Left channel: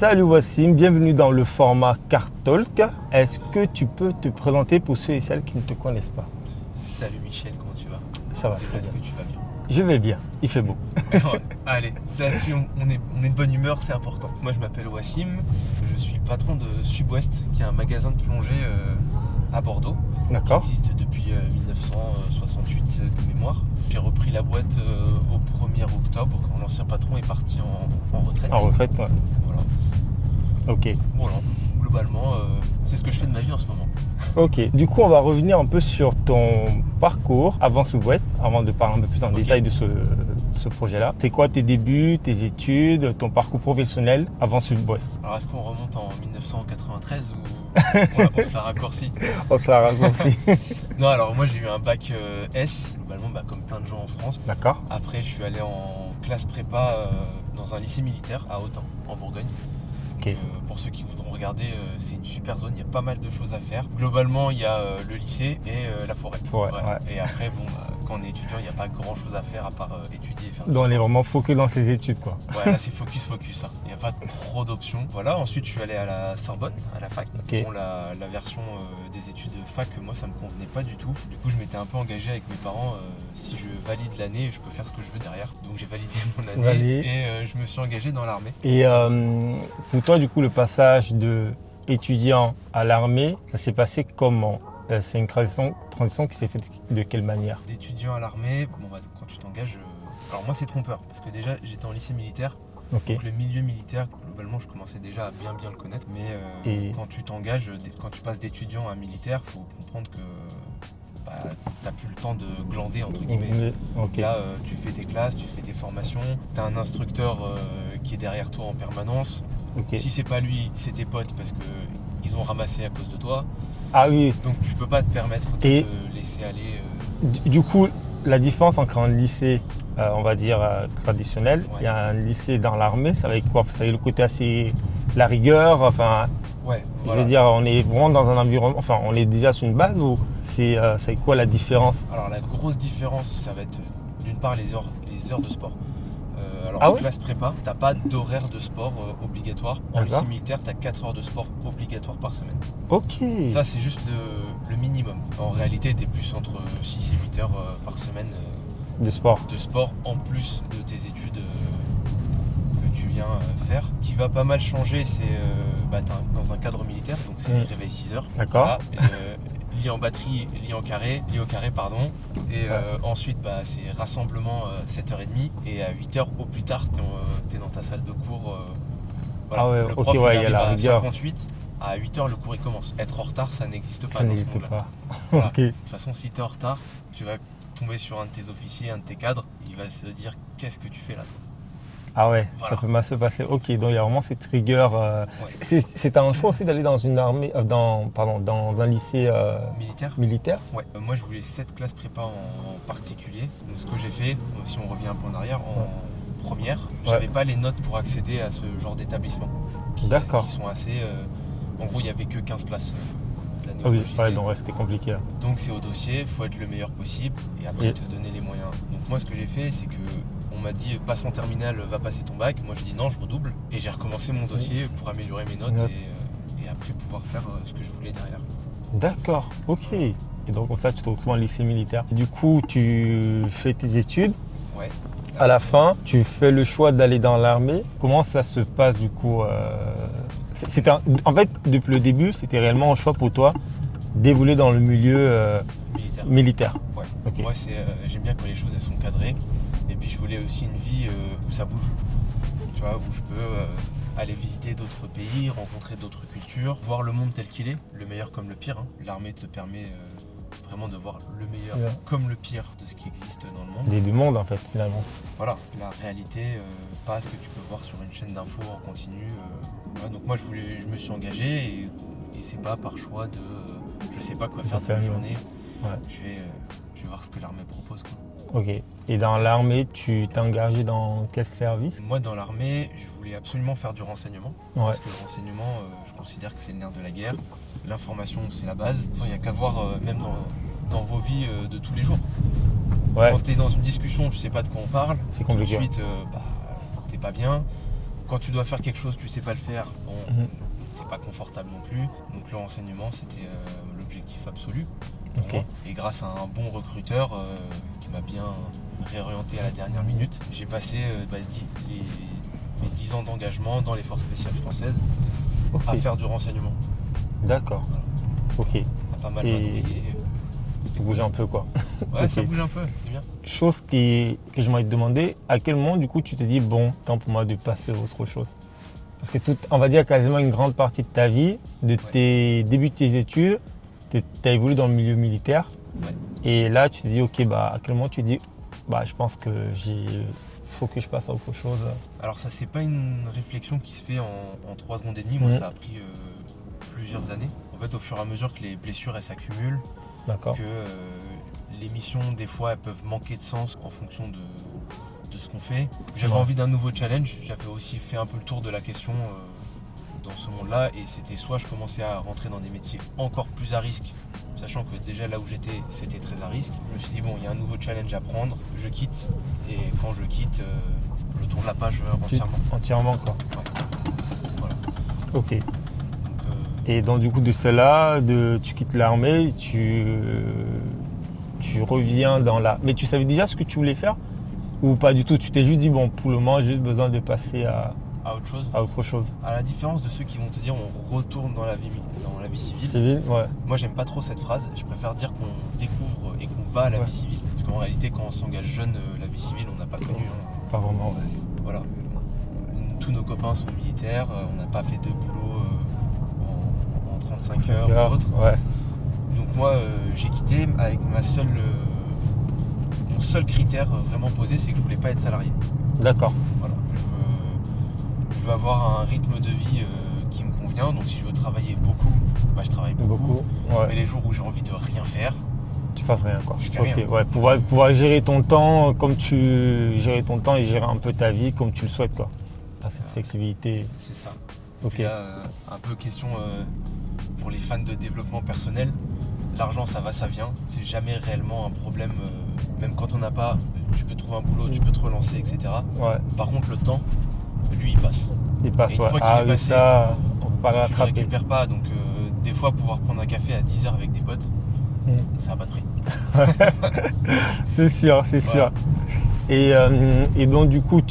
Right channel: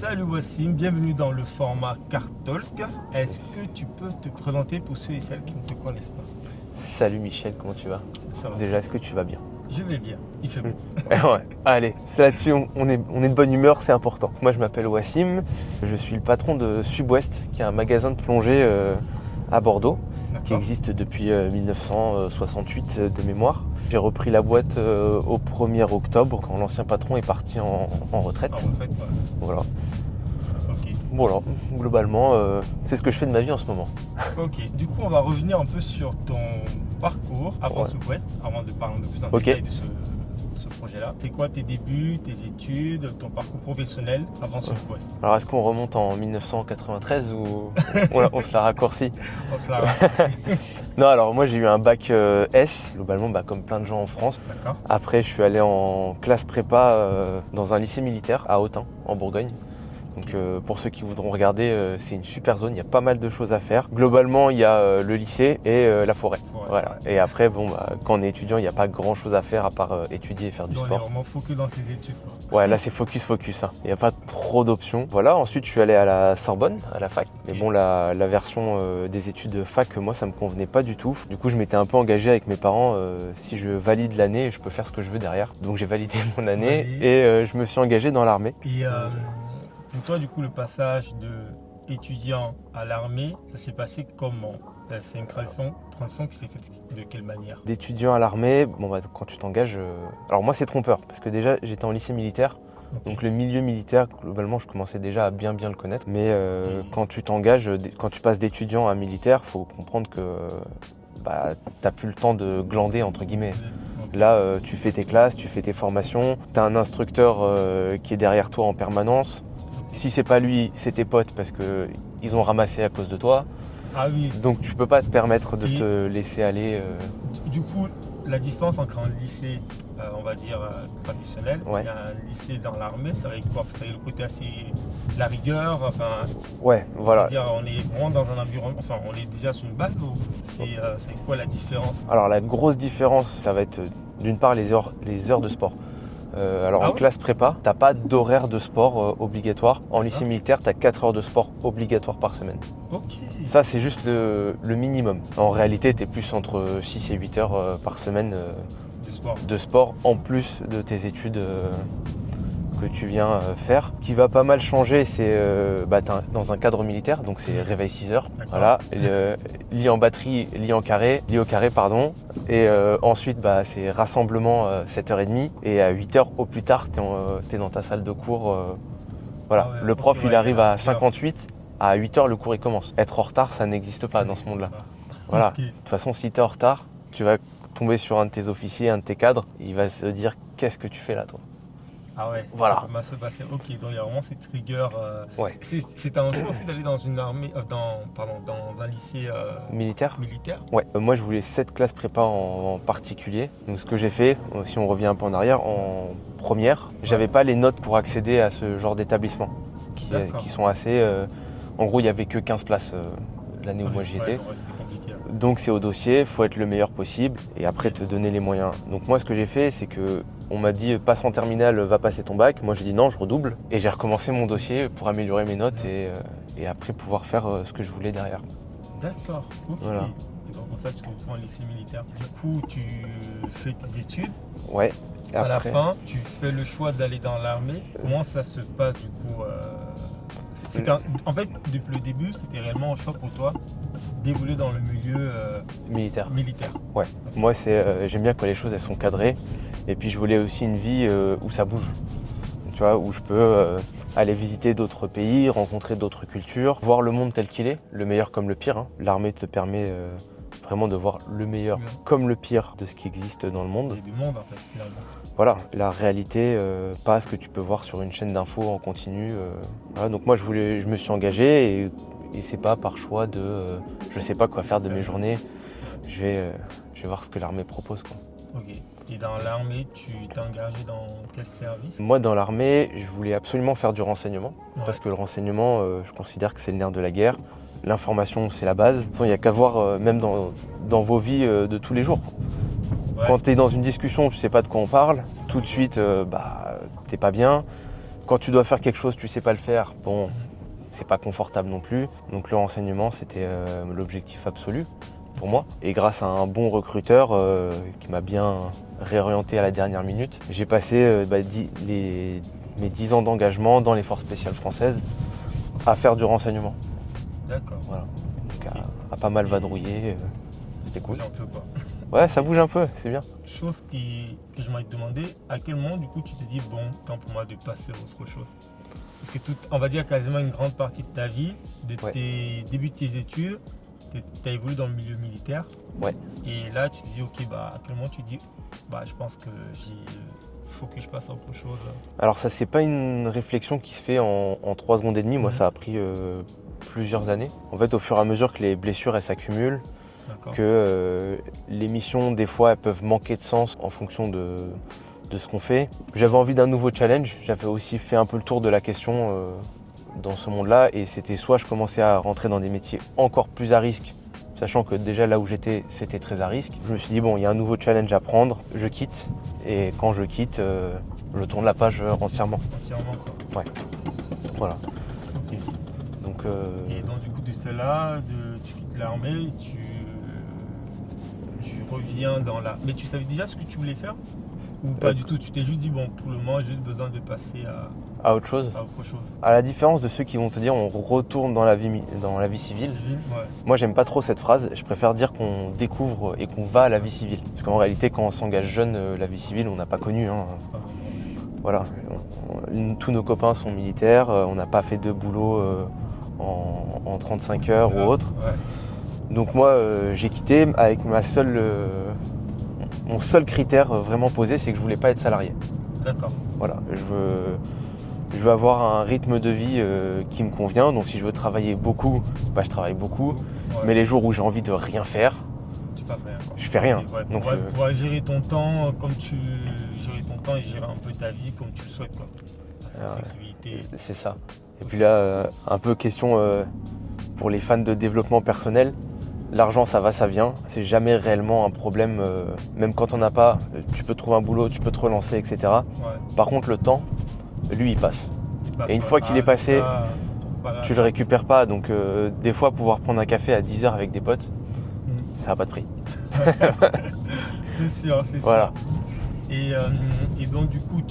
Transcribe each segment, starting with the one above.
Salut Wassim, bienvenue dans le format Car Talk. Est-ce que tu peux te présenter pour ceux et celles qui ne te connaissent pas? Salut Michel, comment tu vas? Ça va. Déjà, est-ce que tu vas bien? Je vais bien, il fait beau. Ouais. Allez, c'est là-dessus, on est de bonne humeur, c'est important. Moi, je m'appelle Wassim, je suis le patron de Subwest, qui est un magasin de plongée à Bordeaux, qui D'accord. existe depuis 1968 de mémoire. J'ai repris la boîte au 1er octobre, quand l'ancien patron est parti en retraite. En retraite, ouais. Voilà. Ok. Voilà, globalement, c'est ce que je fais de ma vie en ce moment. Ok. Du coup, on va revenir un peu sur ton parcours avant Subwest, avant de parler un peu plus en détail de ce projet-là. C'est quoi tes débuts, tes études, ton parcours professionnel avant Subwest? Alors, est-ce qu'on remonte en 1993 ou on se la raccourcit? On se la raccourcit. Non, alors moi j'ai eu un bac S, globalement comme plein de gens en France. D'accord. Après je suis allé en classe prépa dans un lycée militaire à Autun, en Bourgogne. Donc Ok. pour ceux qui voudront regarder, c'est une super zone, il y a pas mal de choses à faire. Globalement il y a le lycée et la forêt. Voilà. Ouais. Et après quand on est étudiant, il n'y a pas grand chose à faire à part étudier et faire du Donc on est sport. vraiment focus dans ses études, quoi. Ouais, là c'est focus. Hein. Il n'y a pas trop d'options. Voilà, ensuite je suis allé à la Sorbonne, à la fac. Ok. Et bon, la version des études fac, moi ça me convenait pas du tout. Du coup, je m'étais un peu engagé avec mes parents. Si je valide l'année, je peux faire ce que je veux derrière. Donc j'ai validé mon année et je me suis engagé dans l'armée. Et pour toi, du coup, le passage de étudiant à l'armée, ça s'est passé comment? C'est une transition qui s'est faite de quelle manière? D'étudiant à l'armée, quand tu t'engages... Alors moi c'est trompeur, parce que déjà j'étais en lycée militaire. Ok. Donc le milieu militaire, globalement, je commençais déjà à bien le connaître. Mais quand tu t'engages, quand tu passes d'étudiant à militaire, il faut comprendre que tu n'as plus le temps de glander, entre guillemets. Ok. Là, tu fais tes classes, tu fais tes formations, tu as un instructeur qui est derrière toi en permanence. Ok. Si c'est pas lui, c'est tes potes parce qu'ils ont ramassé à cause de toi. Ah oui. Donc tu peux pas te permettre de te laisser aller. Du coup, la différence entre un lycée, on va dire, traditionnel, Ouais. et un lycée dans l'armée, ça va être quoi? Ça va être le côté assez... la rigueur, enfin... Ouais, Je voilà. veux dire, on est vraiment dans un environnement... Enfin, on est déjà sur une base ou c'est quoi la différence? Alors la grosse différence, ça va être d'une part les heures de sport. En classe prépa, tu n'as pas d'horaire de sport obligatoire. En lycée militaire, tu as 4 heures de sport obligatoires par semaine. Ok. Ça, c'est juste le minimum. En réalité, tu es plus entre 6 et 8 heures par semaine De sport. de sport, en plus de tes études que tu viens faire. Ce qui va pas mal changer, c'est t'es dans un cadre militaire, donc c'est réveil 6 heures. D'accord. Voilà, lit en batterie, lit au carré, pardon. Et ensuite, c'est rassemblement 7h30. Et à 8h au plus tard, tu es dans ta salle de cours. Voilà. Ah ouais, Le prof, il arrive à rigueur. 58. À 8h, le cours il commence. Être en retard, ça n'existe pas dans ce monde-là. Voilà. Ok. De toute façon, si tu es en retard, tu vas tomber sur un de tes officiers, un de tes cadres. Il va se dire, qu'est-ce que tu fais là, toi? Ah ouais, Voilà. ça peut mal se passer. Ok, donc il y a vraiment cette rigueur. Ouais. C'est un choix aussi d'aller dans une armée, dans un lycée militaire. Ouais, moi je voulais 7 classes prépa en particulier. Donc ce que j'ai fait, si on revient un peu en arrière, en première, j'avais pas les notes pour accéder à ce genre d'établissement. Qui sont assez... en gros, il n'y avait que 15 places l'année où moi j'y étais. Donc c'était compliqué. Donc c'est au dossier, il faut être le meilleur possible et après te donner les moyens. Donc moi ce que j'ai fait, c'est que on m'a dit passe en terminale, va passer ton bac. Moi j'ai dit non, je redouble et j'ai recommencé mon dossier pour améliorer mes notes et après pouvoir faire ce que je voulais derrière. D'accord, ok. Voilà. Et donc comme ça tu te retrouves en lycée militaire. Du coup tu fais tes études. Ouais. À la fin, tu fais le choix d'aller dans l'armée. Comment ça se passe du coup En fait, depuis le début, c'était réellement un choix pour toi d'évoluer dans le milieu militaire. Ouais. Okay. Moi, j'aime bien quand les choses elles sont cadrées. Et puis, je voulais aussi une vie où ça bouge. Tu vois, où je peux aller visiter d'autres pays, rencontrer d'autres cultures, voir le monde tel qu'il est, le meilleur comme le pire. Hein. L'armée te permet vraiment de voir le meilleur comme le pire de ce qui existe dans le monde. Et du monde en fait finalement. Voilà, la réalité, pas ce que tu peux voir sur une chaîne d'infos en continu. Voilà, donc moi je me suis engagé et c'est pas par choix de je sais pas quoi faire de mes journées. Ouais. Je vais voir ce que l'armée propose, quoi. Ok. Et dans l'armée, tu t'es engagé dans quel service? Moi dans l'armée, je voulais absolument faire du renseignement. Parce que le renseignement, je considère que c'est le nerf de la guerre. L'information, c'est la base. De toute façon, il n'y a qu'à voir même dans vos vies de tous les jours. Ouais. Quand tu es dans une discussion, tu sais pas de quoi on parle, tout de suite, t'es pas bien. quand tu dois faire quelque chose, tu sais pas le faire, bon, c'est pas confortable non plus. Donc le renseignement, c'était l'objectif absolu pour moi. Et grâce à un bon recruteur qui m'a bien réorienté à la dernière minute, j'ai passé mes 10 ans d'engagement dans les forces spéciales françaises à faire du renseignement. D'accord. Voilà. Ok. À pas mal vadrouiller. C'était bouger un peu quoi. Ouais, Ok. ça bouge un peu, c'est bien. Chose que j'aimerais te demander, à quel moment du coup tu te dis bon, temps pour moi de passer à autre chose? Parce que on va dire quasiment une grande partie de ta vie, de tes débuts de tes études, tu as évolué dans le milieu militaire. Ouais. Et là tu te dis ok, bah à quel moment tu te dis bah je pense que faut que je passe à autre chose. Alors ça, c'est pas une réflexion qui se fait en 3 secondes et demie. Moi, ça a pris plusieurs années. En fait, au fur et à mesure que les blessures elles s'accumulent, que les missions, des fois, elles peuvent manquer de sens en fonction de ce qu'on fait. J'avais envie d'un nouveau challenge. J'avais aussi fait un peu le tour de la question dans ce monde-là. Et c'était soit je commençais à rentrer dans des métiers encore plus à risque, sachant que déjà là où j'étais, c'était très à risque. Je me suis dit, bon, il y a un nouveau challenge à prendre, je quitte. Et quand je quitte, je tourne la page entièrement. Entièrement quoi. Ouais. Voilà. Ok. Donc, Et donc du coup de cela, tu quittes l'armée, tu reviens dans la... Mais tu savais déjà ce que tu voulais faire? Ou pas du tout? Tu t'es juste dit bon, pour le moment j'ai juste besoin de passer à autre chose. autre chose. À la différence de ceux qui vont te dire on retourne dans la vie civile. Ouais. Moi j'aime pas trop cette phrase. Je préfère dire qu'on découvre et qu'on va à la vie civile. Parce qu'en réalité quand on s'engage jeune, la vie civile on n'a pas connu. Pas vraiment. Ouais. Voilà. Tous nos copains sont militaires. On n'a pas fait de boulot en 35 heures ou autre. Ouais. Donc moi j'ai quitté avec mon seul critère vraiment posé, c'est que je voulais pas être salarié. D'accord. Voilà, je veux avoir un rythme de vie qui me convient. Donc si je veux travailler beaucoup, bah, je travaille beaucoup. Ouais. Mais les jours où j'ai envie de rien faire, tu fasses rien quoi. Je fais rien. Ouais, pouvoir gérer ton temps comme gérer ton temps et gérer un peu ta vie comme tu le souhaites quoi. Cette flexibilité. C'est ça. Et puis là, un peu question pour les fans de développement personnel. L'argent, ça va, ça vient. C'est jamais réellement un problème. Même quand on n'a pas, tu peux trouver un boulot, tu peux te relancer, etc. Ouais. Par contre, le temps, lui, il passe. Et une fois qu'il est passé, tu le récupères pas. Donc, des fois, pouvoir prendre un café à 10h avec des potes, ça n'a pas de prix. C'est sûr, c'est Voilà. sûr. Et donc, du coup,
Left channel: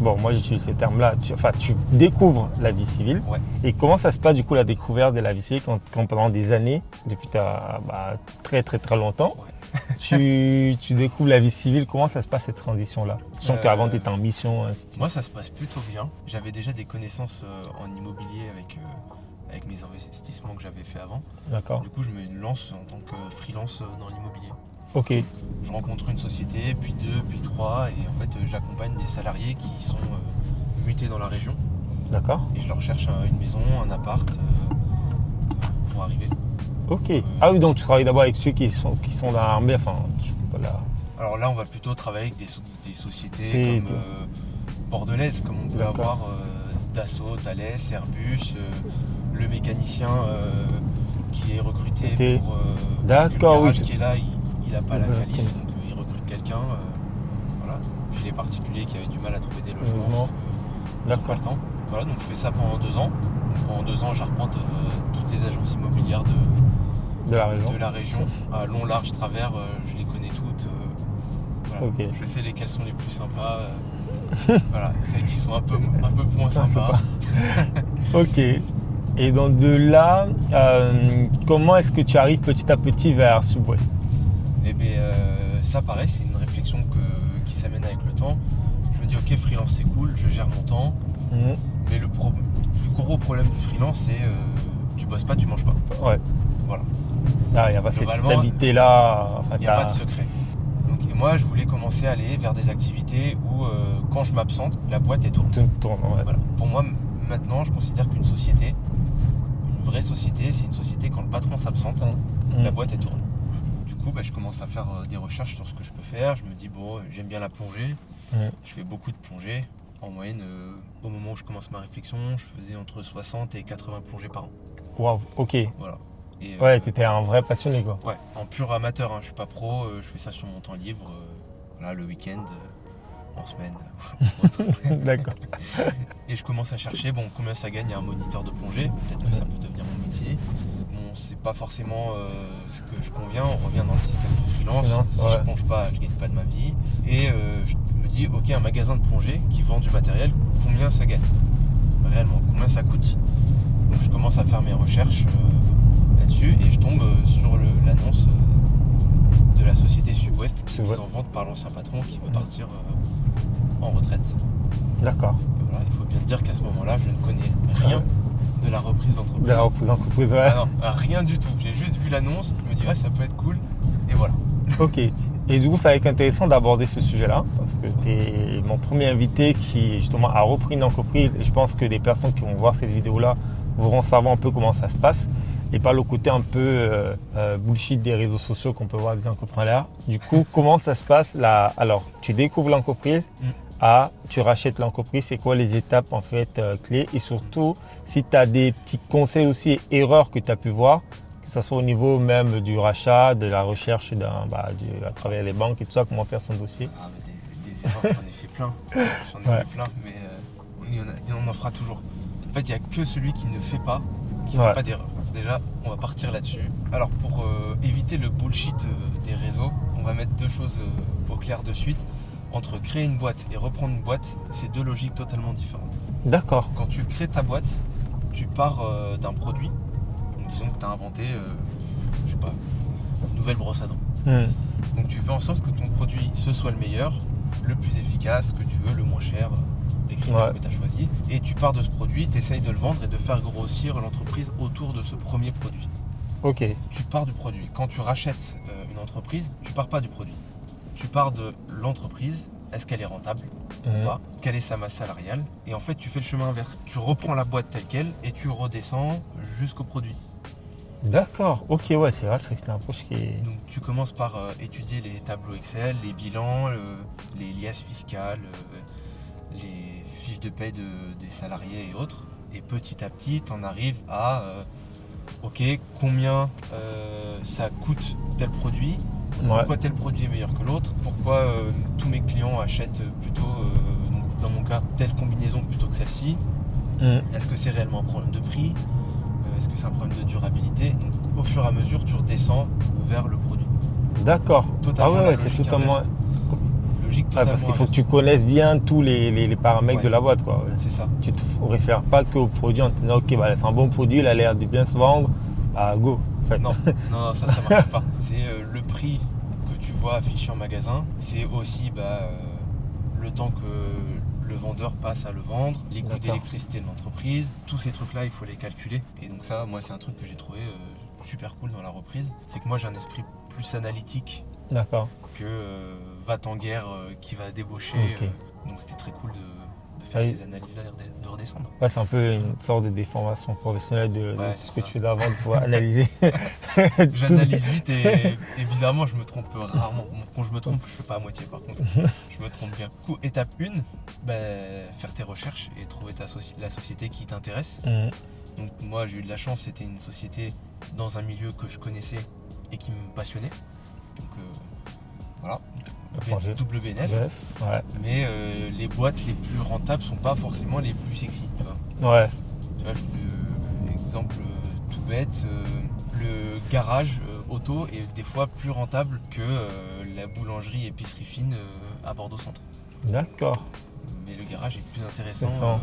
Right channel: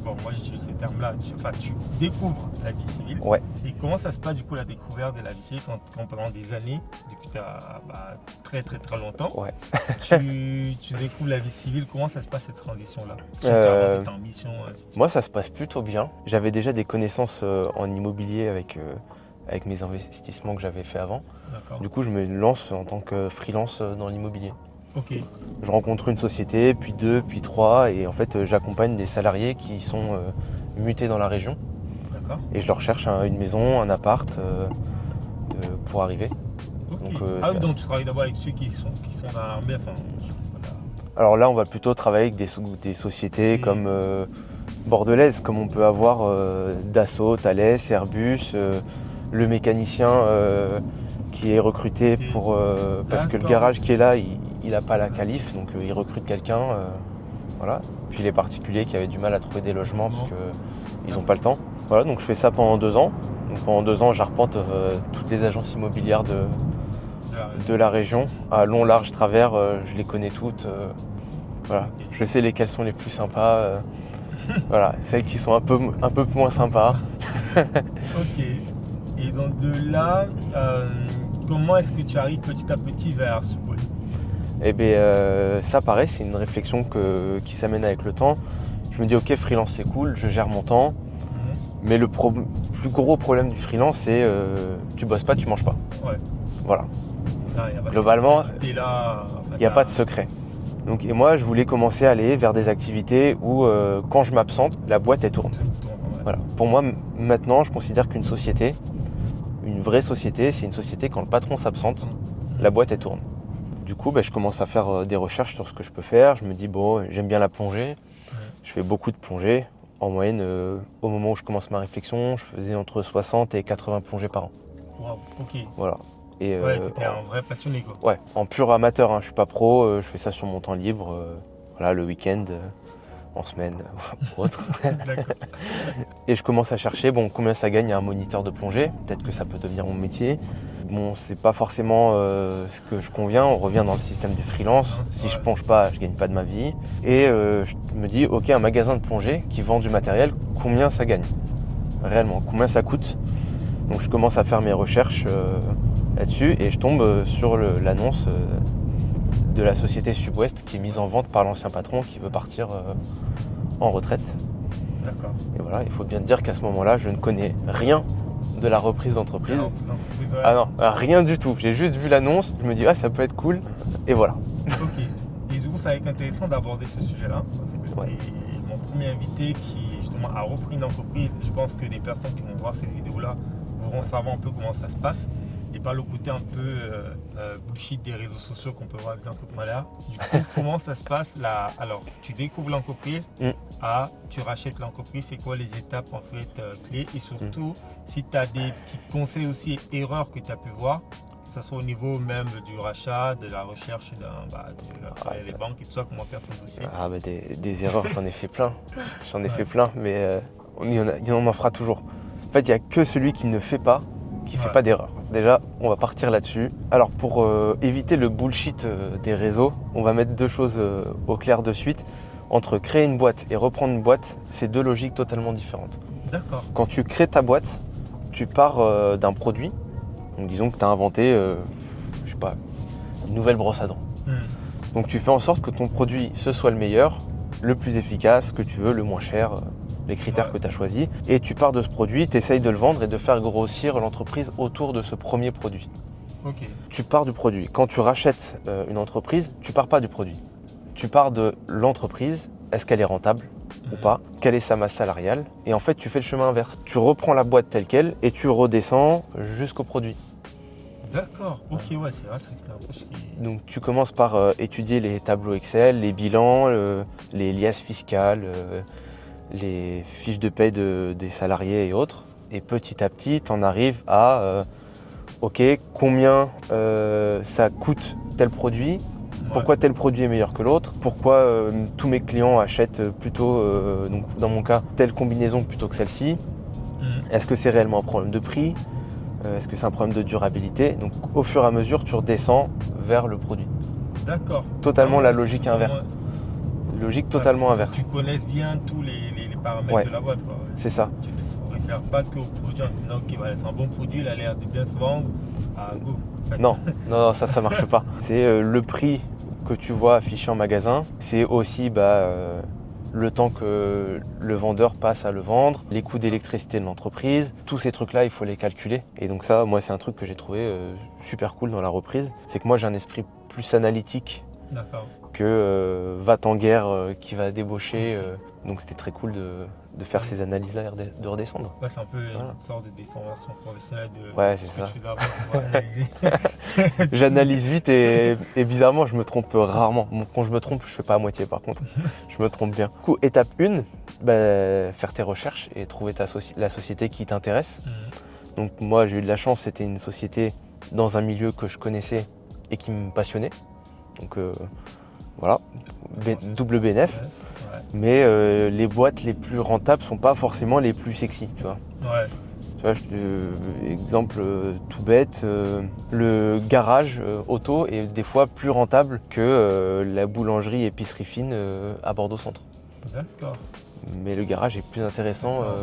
bon, moi j'utilise ces termes-là, tu découvres la vie civile. Ouais. Et comment ça se passe du coup la découverte de la vie civile quand pendant des années, depuis très très très longtemps, tu découvres la vie civile, comment ça se passe cette transition-là? Surtout qu'avant tu étais en mission. Moi ça se passe plutôt bien. J'avais déjà des connaissances en immobilier avec mes investissements que j'avais fait avant. D'accord. Du coup je me lance en tant que freelance dans l'immobilier. Ok. Je rencontre une société, puis 2, puis 3, et en fait j'accompagne des salariés qui sont mutés dans la région. D'accord. Et je leur cherche une maison, un appart pour arriver. Ok. Donc, donc tu travailles d'abord avec ceux qui sont dans l'armée, Alors là on va plutôt travailler avec des sociétés comme bordelaises, comme on peut avoir Dassault, Thales, Airbus, le mécanicien qui est recruté parce que le garage qui est là, il n'a pas la qualif, donc il recrute quelqu'un. Voilà. Puis les particuliers qui avaient du mal à trouver des logements parce qu'ils n'ont pas le temps. Voilà, donc je fais ça pendant 2 ans. Donc pendant 2 ans, j'arpente toutes les agences immobilières de la région. À long, large, travers, je les connais toutes. Voilà. Okay. Je sais lesquelles sont les plus sympas. Voilà, celles qui sont un peu moins sympas. Ok. Et donc de là, comment est-ce que tu arrives petit à petit vers Sud-Ouest? Eh bien, ça pareil, c'est une réflexion qui s'amène avec le temps. Je me dis, ok, freelance c'est cool, je gère mon temps. Mais le plus gros problème du freelance, c'est tu bosses pas, tu manges pas. Ouais. Voilà. Ah, y a pas globalement, cette stabilité-là. Il n'y a pas de secret. Donc, et moi, je voulais commencer à aller vers des activités où, quand je m'absente, la boîte elle tourne. Voilà. Pour moi, maintenant, je considère qu'une société, une vraie société, c'est une société quand le patron s'absente, la boîte elle tourne. Du coup, je commence à faire des recherches sur ce que je peux faire. Je me dis, bon, j'aime bien la plongée. Je fais beaucoup de plongées. En moyenne, au moment où je commence ma réflexion, je faisais entre 60 et 80 plongées par an. Waouh, ok. Voilà. Et, t'étais un vrai passionné quoi. Ouais, en pur amateur, je suis pas pro, je fais ça sur mon temps libre, voilà, le week-end, en semaine ou autre. D'accord. Et je commence à chercher combien ça gagne un moniteur de plongée. Peut-être que ça peut devenir mon métier. Bon, c'est pas forcément ce que je conviens. On revient dans le système du freelance. Si je plonge pas, je gagne pas de ma vie. Et je me dis, ok, un magasin de plongée qui vend du matériel, combien ça gagne réellement, combien ça coûte. Donc je commence à faire mes recherches là-dessus et je tombe sur l'annonce de la société Sub-Ouest qui est mise en vente par l'ancien patron qui veut partir en retraite. D'accord. Et voilà, il faut bien dire qu'à ce moment-là, je ne connais rien de la reprise d'entreprise. Ouais. Ah non, rien du tout. J'ai juste vu l'annonce, je me dis ça peut être cool et voilà. Ok. Et du coup, ça va être intéressant d'aborder ce sujet-là parce que tu es mon premier invité qui justement a repris une entreprise et je pense que des personnes qui vont voir cette vidéo-là vont savoir un peu comment ça se passe et pas le côté un peu bullshit des réseaux sociaux qu'on peut voir des entrepreneurs. Du coup, comment ça se passe là? Alors, tu découvres l'entreprise, tu rachètes l'entreprise, c'est quoi les étapes en fait clés et surtout si tu as des petits conseils aussi et erreurs que tu as pu voir, que ce soit au niveau même du rachat, de la recherche à travers les banques et tout ça, comment faire son dossier. Ah bah des erreurs, j'en ai fait plein. J'en ai fait plein, mais on en fera toujours. En fait, il n'y a que celui qui ne fait pas, qui ne fait pas d'erreur. Déjà, on va partir là-dessus. Alors pour éviter le bullshit des réseaux, on va mettre deux choses au clair de suite. Entre créer une boîte et reprendre une boîte, c'est deux logiques totalement différentes. D'accord. Quand tu crées ta boîte, tu pars d'un produit. Donc disons que tu as inventé, je sais pas, une nouvelle brosse à dents. Donc tu fais en sorte que ton produit, ce soit le meilleur, le plus efficace, que tu veux, le moins cher, les critères que tu as choisis. Et tu pars de ce produit, tu essayes de le vendre et de faire grossir l'entreprise autour de ce premier produit. Ok. Tu pars du produit. Quand tu rachètes une entreprise, tu pars pas du produit. Tu pars de l'entreprise, est-ce qu'elle est rentable ou pas? Quelle est sa masse salariale? Et en fait, tu fais le chemin inverse. Tu reprends la boîte telle qu'elle et tu redescends jusqu'au produit. D'accord, ok, ouais, c'est vrai, c'est une approche qui est... Donc tu commences par étudier les tableaux Excel, les bilans, les liasses fiscales, les fiches de paie des salariés et autres. Et petit à petit, tu en arrives à, ok, combien ça coûte tel produit? Pourquoi tel produit est meilleur que l'autre? Pourquoi tous mes clients achètent plutôt, donc dans mon cas, telle combinaison plutôt que celle-ci? Est-ce que c'est réellement un problème de prix? Est-ce que c'est un problème de durabilité? Donc au fur et à mesure, tu redescends vers le produit. D'accord. Totalement la logique inverse. Logique totalement inverse. Il faut que tu connaisses bien tous les paramètres de la boîte, quoi. C'est ça. Tu ne te réfères pas qu'au produit en te disant ok, c'est un bon produit, il a l'air de bien se vendre, go. En fait. Non, ça marche pas. C'est le prix que tu vois affiché en magasin. C'est aussi le temps que le vendeur passe à le vendre, les coûts d'électricité de l'entreprise. Tous ces trucs-là, il faut les calculer. Et donc ça, moi, c'est un truc que j'ai trouvé super cool dans la reprise. C'est que moi, j'ai un esprit plus analytique que va-t-en-guerre qui va débaucher. Donc c'était très cool de faire ces analyses-là et de redescendre. Ouais, c'est un peu une sorte de déformation professionnelle de ce que tu fais d'avant pour pouvoir analyser. J'analyse vite et bizarrement, je me trompe rarement. Quand je me trompe, je fais pas à moitié par contre. Je me trompe bien. Du coup, étape 1, faire tes recherches et trouver la société qui t'intéresse. Donc moi, j'ai eu de la chance, c'était une société dans un milieu que je connaissais et qui me passionnait. Donc voilà, double BNF. Mais les boîtes les plus rentables sont pas forcément les plus sexy, tu vois. Tu vois, exemple tout bête, le garage auto est des fois plus rentable que la boulangerie épicerie fine à Bordeaux Centre. D'accord. Mais le garage est plus intéressant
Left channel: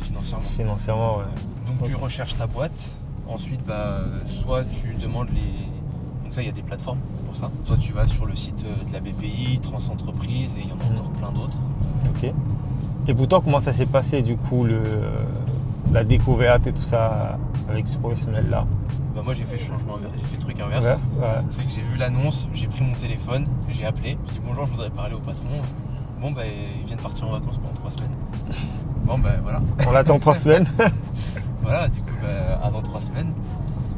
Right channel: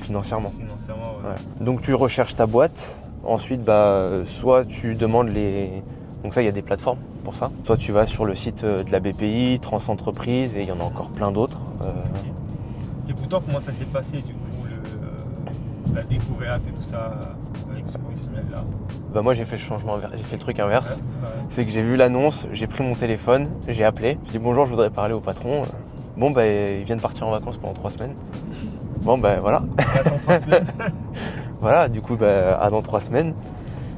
financièrement. Financièrement, Donc tu recherches ta boîte, ensuite soit tu demandes les... Donc ça, il y a des plateformes pour ça. Soit tu vas sur le site de la BPI, Trans Entreprise et il y en a encore plein d'autres. Et pour toi, comment ça s'est passé du coup la découverte et tout ça avec ce professionnel-là? Moi j'ai fait le changement inverse, j'ai fait le truc inverse. C'est que j'ai vu l'annonce, j'ai pris mon téléphone, j'ai appelé, j'ai dit bonjour, je voudrais parler au patron. Il vient de partir en vacances pendant 3 semaines. Voilà. On attend 3 semaines. Voilà, du coup dans 3 semaines.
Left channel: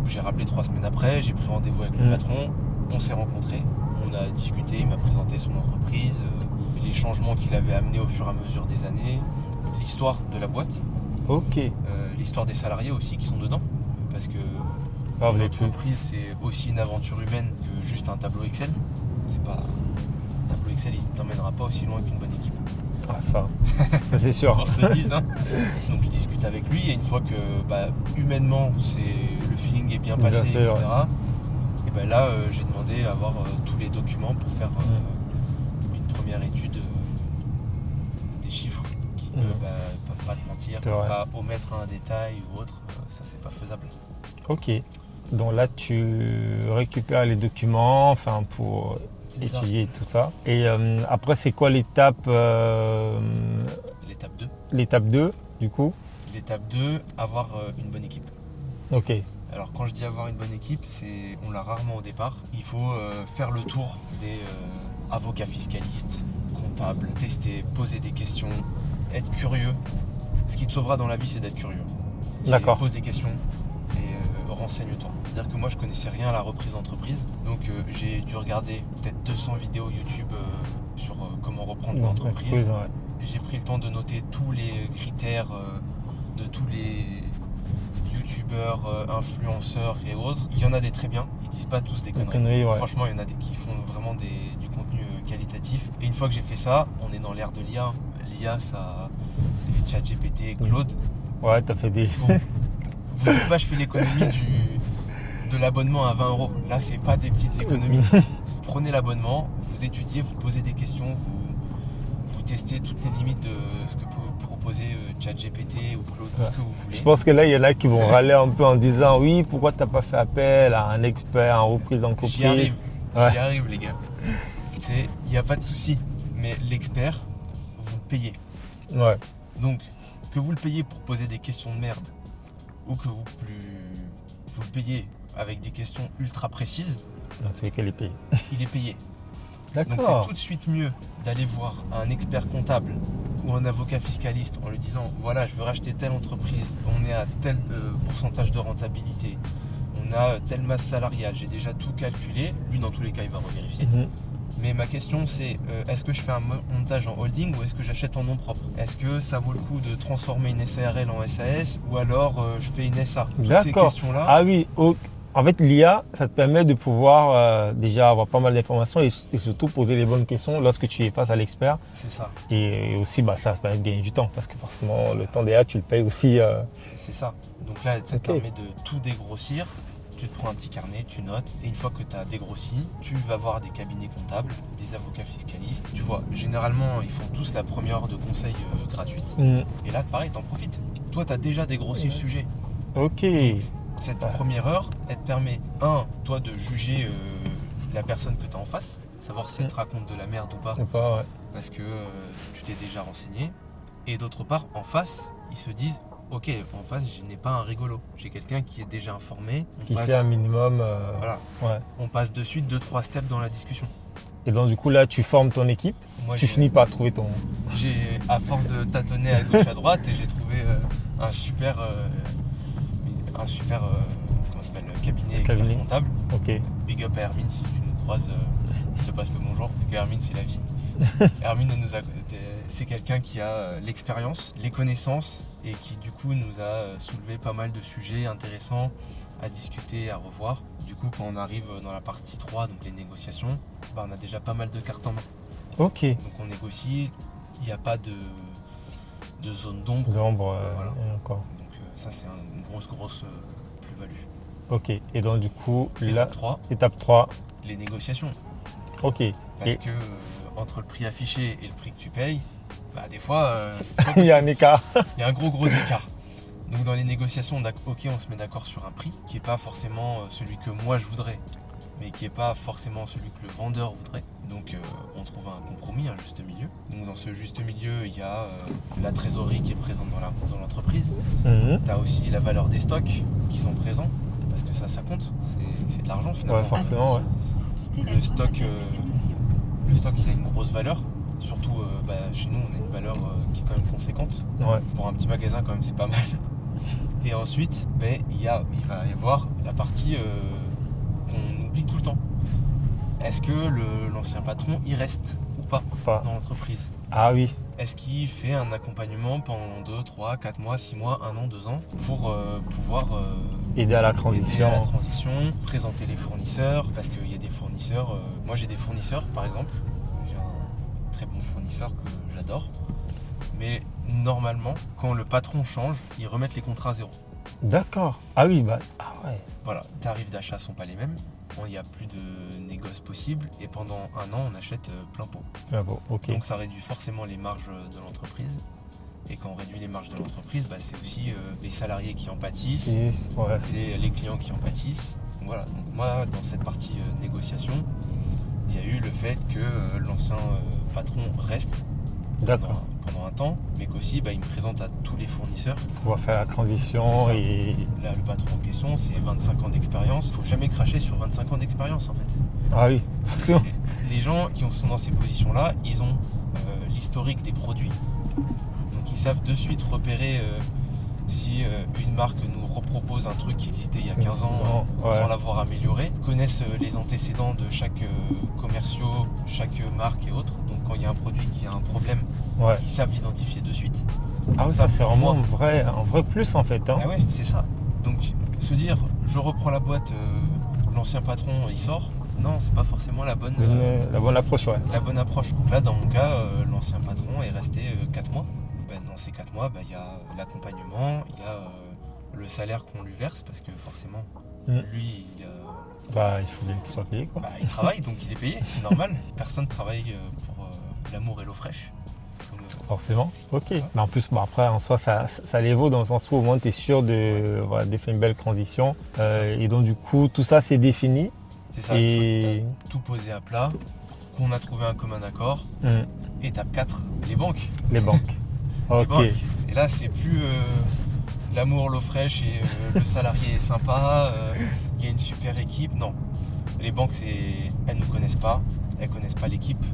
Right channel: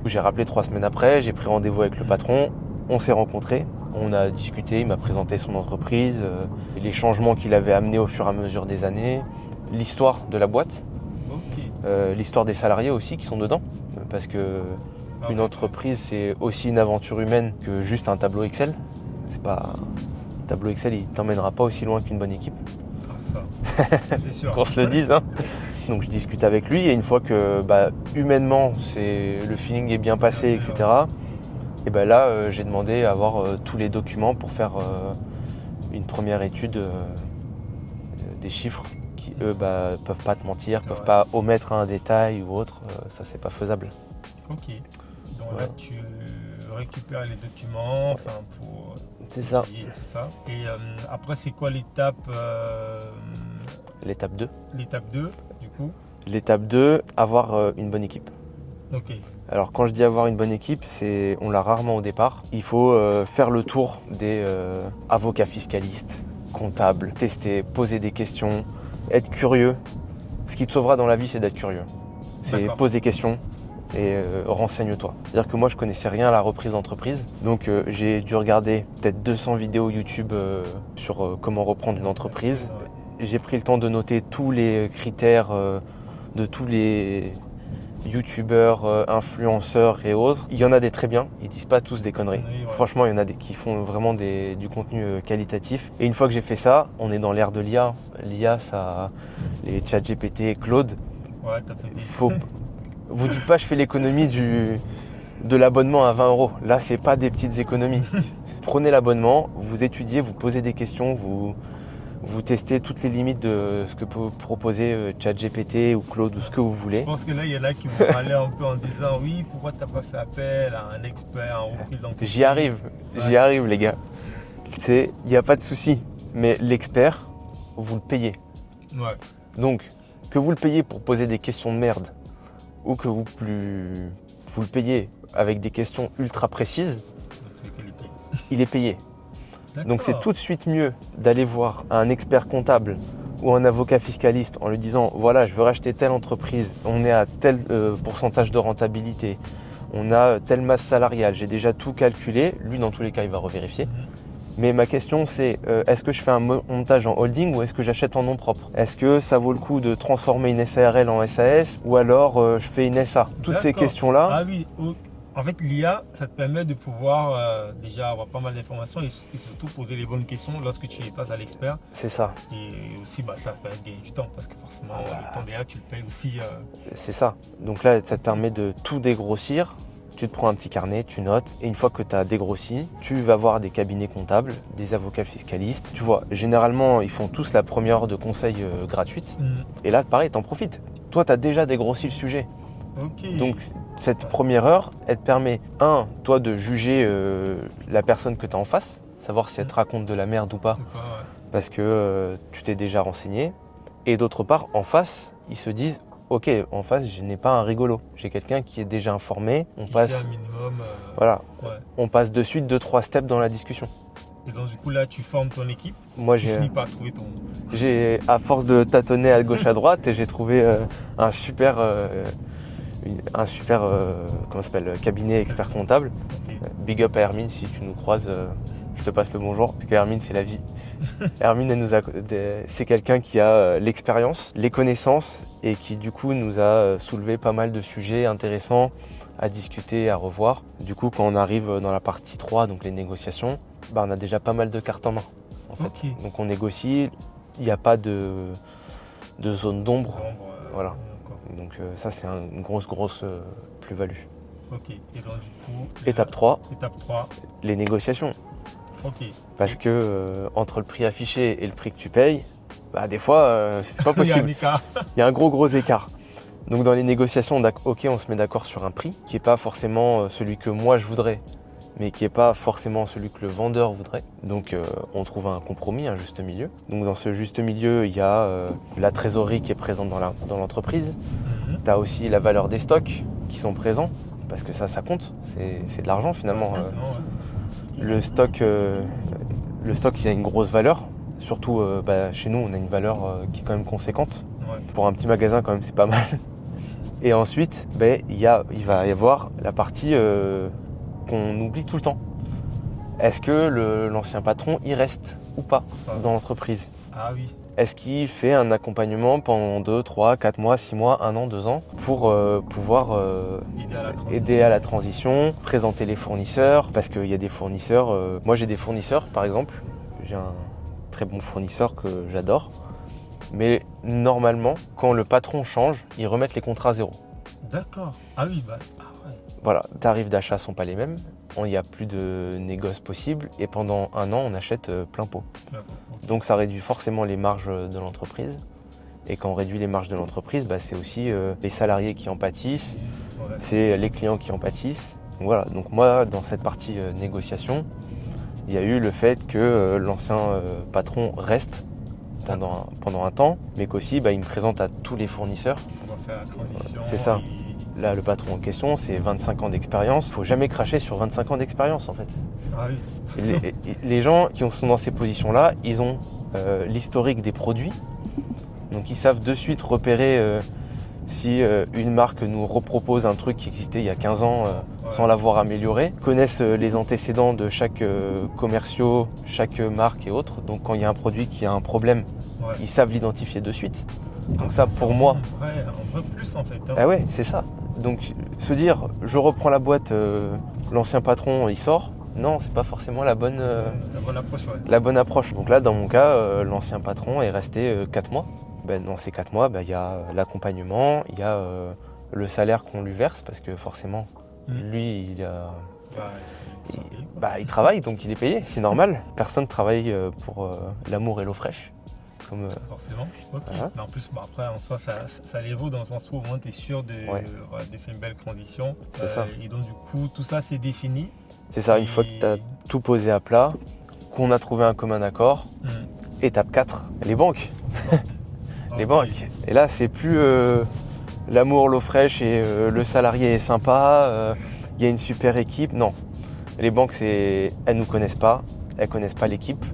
J'ai rappelé 3 semaines après, j'ai pris rendez-vous avec le patron, on s'est rencontrés, on a discuté, il m'a présenté son entreprise, les changements qu'il avait amenés au fur et à mesure des années, l'histoire de la boîte, l'histoire des salariés aussi qui sont dedans, parce que une entreprise c'est aussi une aventure humaine que juste un tableau Excel. C'est pas... Un tableau Excel il t'emmènera pas aussi loin qu'une bonne équipe. Ah, ça c'est sûr. qu'on se le dise. Hein. Donc je discute avec lui et une fois que humainement le feeling est bien passé, Bien fait, etc. Et là j'ai demandé à avoir tous les documents pour faire une première étude des chiffres qui eux peuvent pas te mentir, C'est peuvent vrai. pas omettre un détail ou autre, ça c'est pas faisable. Ok. Donc là, tu récupères les documents pour C'est ça. étudier tout ça. Et après, c'est quoi l'étape L'étape 2. l'étape 2 du coup? L'étape 2, avoir une bonne équipe. Ok. Alors quand je dis avoir une bonne équipe, on l'a rarement au départ. Il faut faire le tour des avocats fiscalistes, comptables, tester, poser des questions, être curieux. Ce qui te sauvera dans la vie, c'est d'être curieux. D'accord. Pose des questions et renseigne-toi. C'est-à-dire que moi, je connaissais rien à la reprise d'entreprise. Donc j'ai dû regarder peut-être 200 vidéos YouTube sur comment reprendre une entreprise. Ouais. J'ai pris le temps de noter tous les critères de tous les youtubeurs, influenceurs et autres. Il y en a des très bien, ils disent pas tous des conneries. Ouais. Franchement, il y en a des qui font vraiment du contenu qualitatif. Et une fois que j'ai fait ça, on est dans l'ère de l'IA. L'IA, ça, les ChatGPT, Claude. Ouais, t'as fait des... Vous dites pas, je fais l'économie de l'abonnement à 20 €. Là, c'est pas des petites économies. Prenez l'abonnement, vous étudiez, vous posez des questions, vous testez toutes les limites de ce que peut proposer ChatGPT ou Claude ou ce que vous voulez. Je pense que là, il y en a qui vont râler un peu en disant oui, pourquoi t'as pas fait appel à un expert en reprise d'entreprise? J'y arrive, les gars. Il n'y a pas de souci. Mais l'expert, vous le payez. Ouais. Donc, que vous le payez pour poser des questions de merde ou que vous le payez avec des questions ultra précises, Dans tous les cas, il est payé. il est payé. D'accord. Donc c'est tout de suite mieux d'aller voir un expert comptable ou un avocat fiscaliste en lui disant voilà, je veux racheter telle entreprise, on est à tel pourcentage de rentabilité, on a telle masse salariale, j'ai déjà tout calculé. Lui, dans tous les cas, il va revérifier. Mais ma question, c'est est-ce que je fais un montage en holding ou est-ce que j'achète en nom propre? Est-ce que ça vaut le coup de transformer une SARL en SAS ou alors je fais une SA? Toutes ces questions-là. Ah oui, en fait, l'IA, ça te permet de pouvoir déjà avoir pas mal d'informations et surtout poser les bonnes questions lorsque tu es face à l'expert. C'est ça. Et aussi, ça te permet de gagner du temps parce que forcément, le temps d'IA, tu le payes aussi. C'est ça. Donc là, ça te permet de tout dégrossir. Tu te prends un petit carnet, tu notes, et une fois que tu as dégrossi, tu vas voir des cabinets comptables, des avocats fiscalistes. Tu vois, généralement, ils font tous la première heure de conseil gratuite. Et là, pareil, t'en profites. Toi, tu as déjà dégrossi le sujet. Ok. Donc, cette première heure, elle te permet, toi, de juger la personne que tu as en face, savoir si elle te raconte de la merde ou pas, parce que tu t'es déjà renseigné. Et d'autre part, en face, ils se disent, ok, en face, je n'ai pas un rigolo. J'ai quelqu'un qui est déjà informé. Qui sait un minimum. Voilà. Ouais. On passe de suite 2-3 steps dans la discussion. Et donc, du coup, là, tu formes ton équipe. Moi, tu finis par trouver ton... À force de tâtonner à gauche, à droite, j'ai trouvé un super comment ça s'appelle, cabinet expert comptable. Okay. Big up à Hermine, si tu nous croises, je te passe le bonjour. Parce que Hermine, c'est la vie. Hermine, c'est quelqu'un qui a l'expérience, les connaissances et qui du coup nous a soulevé pas mal de sujets intéressants à discuter, à revoir. Du coup, quand on arrive dans la partie 3, donc les négociations, on a déjà pas mal de cartes en main. Ok. Donc on négocie, il n'y a pas de zone d'ombre. Voilà. Donc ça, c'est une grosse plus-value. Ok. Et donc du coup, étape 3. Étape 3. Les négociations. Ok. Parce que entre le prix affiché et le prix que tu payes, des fois, c'est pas possible. Il y a un écart. Il y a un gros écart. Donc dans les négociations, on se met d'accord sur un prix qui n'est pas forcément celui que moi je voudrais, mais qui n'est pas forcément celui que le vendeur voudrait. Donc on trouve un compromis, un juste milieu. Donc dans ce juste milieu, il y a la trésorerie qui est présente dans l'entreprise. Tu as aussi la valeur des stocks qui sont présents, parce que ça compte, c'est de l'argent finalement. Ouais, forcément, ouais. Le stock, il a une grosse valeur. Surtout chez nous, on a une valeur qui est quand même conséquente. Ouais. Pour un petit magasin, quand même, c'est pas mal. Et ensuite, il va y avoir la partie qu'on oublie tout le temps. Est-ce que l'ancien patron, il reste ou pas dans l'entreprise? Ah oui. Est-ce qu'il fait un accompagnement pendant 2, 3, 4 mois, 6 mois, 1 an, 2 ans pour pouvoir aider à la transition, présenter les fournisseurs? Parce qu'il y a des fournisseurs. Moi, j'ai des fournisseurs, par exemple. J'ai un très bon fournisseur que j'adore. Mais normalement, quand le patron change, ils remettent les contrats à zéro. D'accord. Ah oui, bah, ah ouais. Voilà, tarifs d'achat ne sont pas les mêmes, il n'y a plus de négoce possible et pendant un an, on achète plein pot. Ah bon, ok. Donc ça réduit forcément les marges de l'entreprise. Et quand on réduit les marges de l'entreprise, c'est aussi les salariés qui en pâtissent, Ouais. c'est les clients qui en pâtissent. Donc voilà, donc moi, dans cette partie négociation, il y a eu le fait que l'ancien patron reste pendant un temps, mais qu'aussi il me présente à tous les fournisseurs. On va faire la transition. C'est ça. Et... Là, le patron en question, c'est 25 ans d'expérience. Il ne faut jamais cracher sur 25 ans d'expérience en fait. Ah oui. Les gens qui sont dans ces positions-là, ils ont l'historique des produits. Donc ils savent de suite repérer si une marque nous repropose un truc qui existait il y a 15 ans sans l'avoir amélioré. Ils connaissent les antécédents de chaque commerciaux, chaque marque et autres. Donc quand il y a un produit qui a un problème, ils savent l'identifier de suite. Ah Donc ça pour moi, un vrai plus en fait. Hein. Ah ouais, c'est ça. Donc se dire, je reprends la boîte, l'ancien patron il sort. Non, c'est pas forcément la bonne approche. Ouais. La bonne approche. Donc là, dans mon cas, l'ancien patron est resté 4 mois. Dans ces 4 mois, il y a l'accompagnement, il y a le salaire qu'on lui verse parce que forcément, lui, il a... il faut qu'il soit payé. Quoi. Il travaille, donc il est payé, c'est normal. Personne ne travaille pour l'amour et l'eau fraîche. Forcément. Ok. Mais en plus, après, en soi, ça les vaut dans le sens où au moins tu es sûr de faire une belle transition. Et donc, du coup, tout ça, c'est défini. C'est ça, une fois que tu as tout posé à plat, qu'on a trouvé un commun accord. Étape 4, les banques. Les banques. Les banques. Et là, c'est plus l'amour, l'eau fraîche et le salarié est sympa, il y a une super équipe. Non. Les banques, elles ne nous connaissent pas, elles ne connaissent pas l'équipe,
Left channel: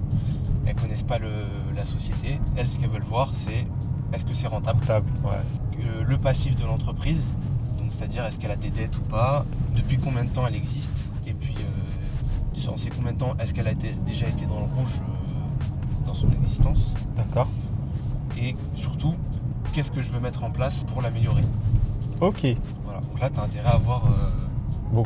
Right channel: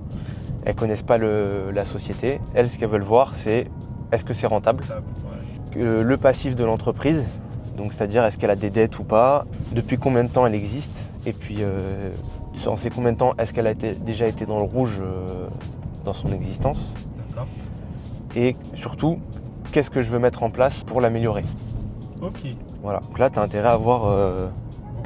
elles ne connaissent pas la société. Elles, ce qu'elles veulent voir, c'est est-ce que c'est rentable, le passif de l'entreprise, donc c'est-à-dire est-ce qu'elle a des dettes ou pas, depuis combien de temps elle existe, et puis en ces combien de temps, est-ce qu'elle a déjà été dans le rouge dans son existence. D'accord. Et surtout, qu'est-ce que je veux mettre en place pour l'améliorer. Ok. Voilà. Donc là, tu as intérêt à avoir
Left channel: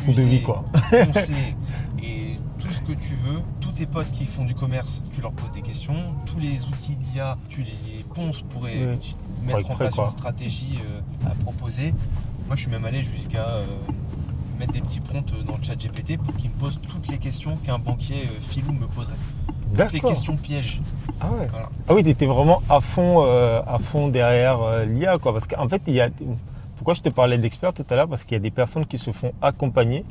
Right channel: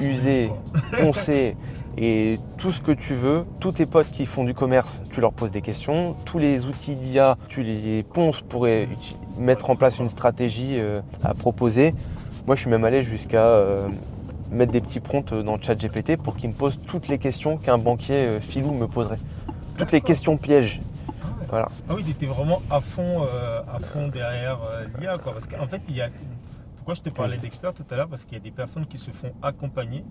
usé, poncé et tout ce que tu veux. Tous tes potes qui font du commerce, tu leur poses des questions. Tous les outils d'IA, tu les ponces pour mettre en place une stratégie à proposer. Moi, je suis même allé jusqu'à mettre des petits prompts dans le chat GPT pour qu'il me pose toutes les questions qu'un banquier filou me poserait. Toutes les questions pièges. Ah ouais. Voilà. Ah oui, tu étais vraiment à fond derrière l'IA, quoi. Parce qu'en fait, pourquoi je te parlais d'experts tout à l'heure? Parce qu'il y a des personnes qui se font accompagner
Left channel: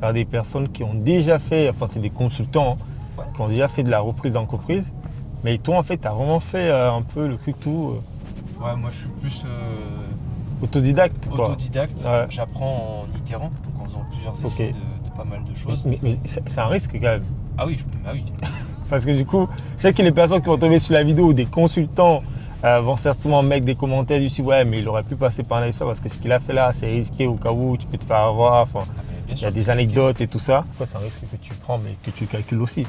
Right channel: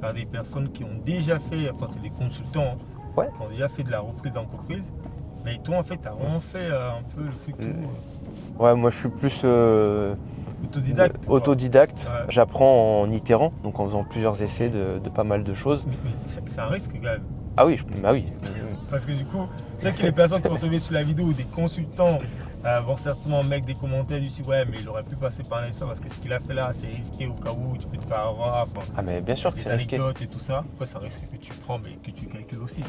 par des personnes qui ont déjà fait, enfin c'est des consultants, qui ont déjà fait de la reprise d'entreprise. Mais toi, en fait, tu as vraiment fait un peu le truc tout. Ouais, moi je suis plus autodidacte. Autodidacte. Ouais. J'apprends en itérant, donc en faisant plusieurs essais de pas mal de choses. Mais c'est un risque quand même. Ah oui, oui. Parce que du coup, je sais que les personnes qui vont tomber sur la vidéo, des consultants, vont certainement mettre des commentaires du site, ouais, mais il aurait pu passer par un expert parce que ce qu'il a fait là, c'est risqué au cas où tu peux te faire avoir. Enfin, mais bien sûr, il y a des anecdotes et tout ça. C'est un risque que tu prends, mais que tu calcules aussi.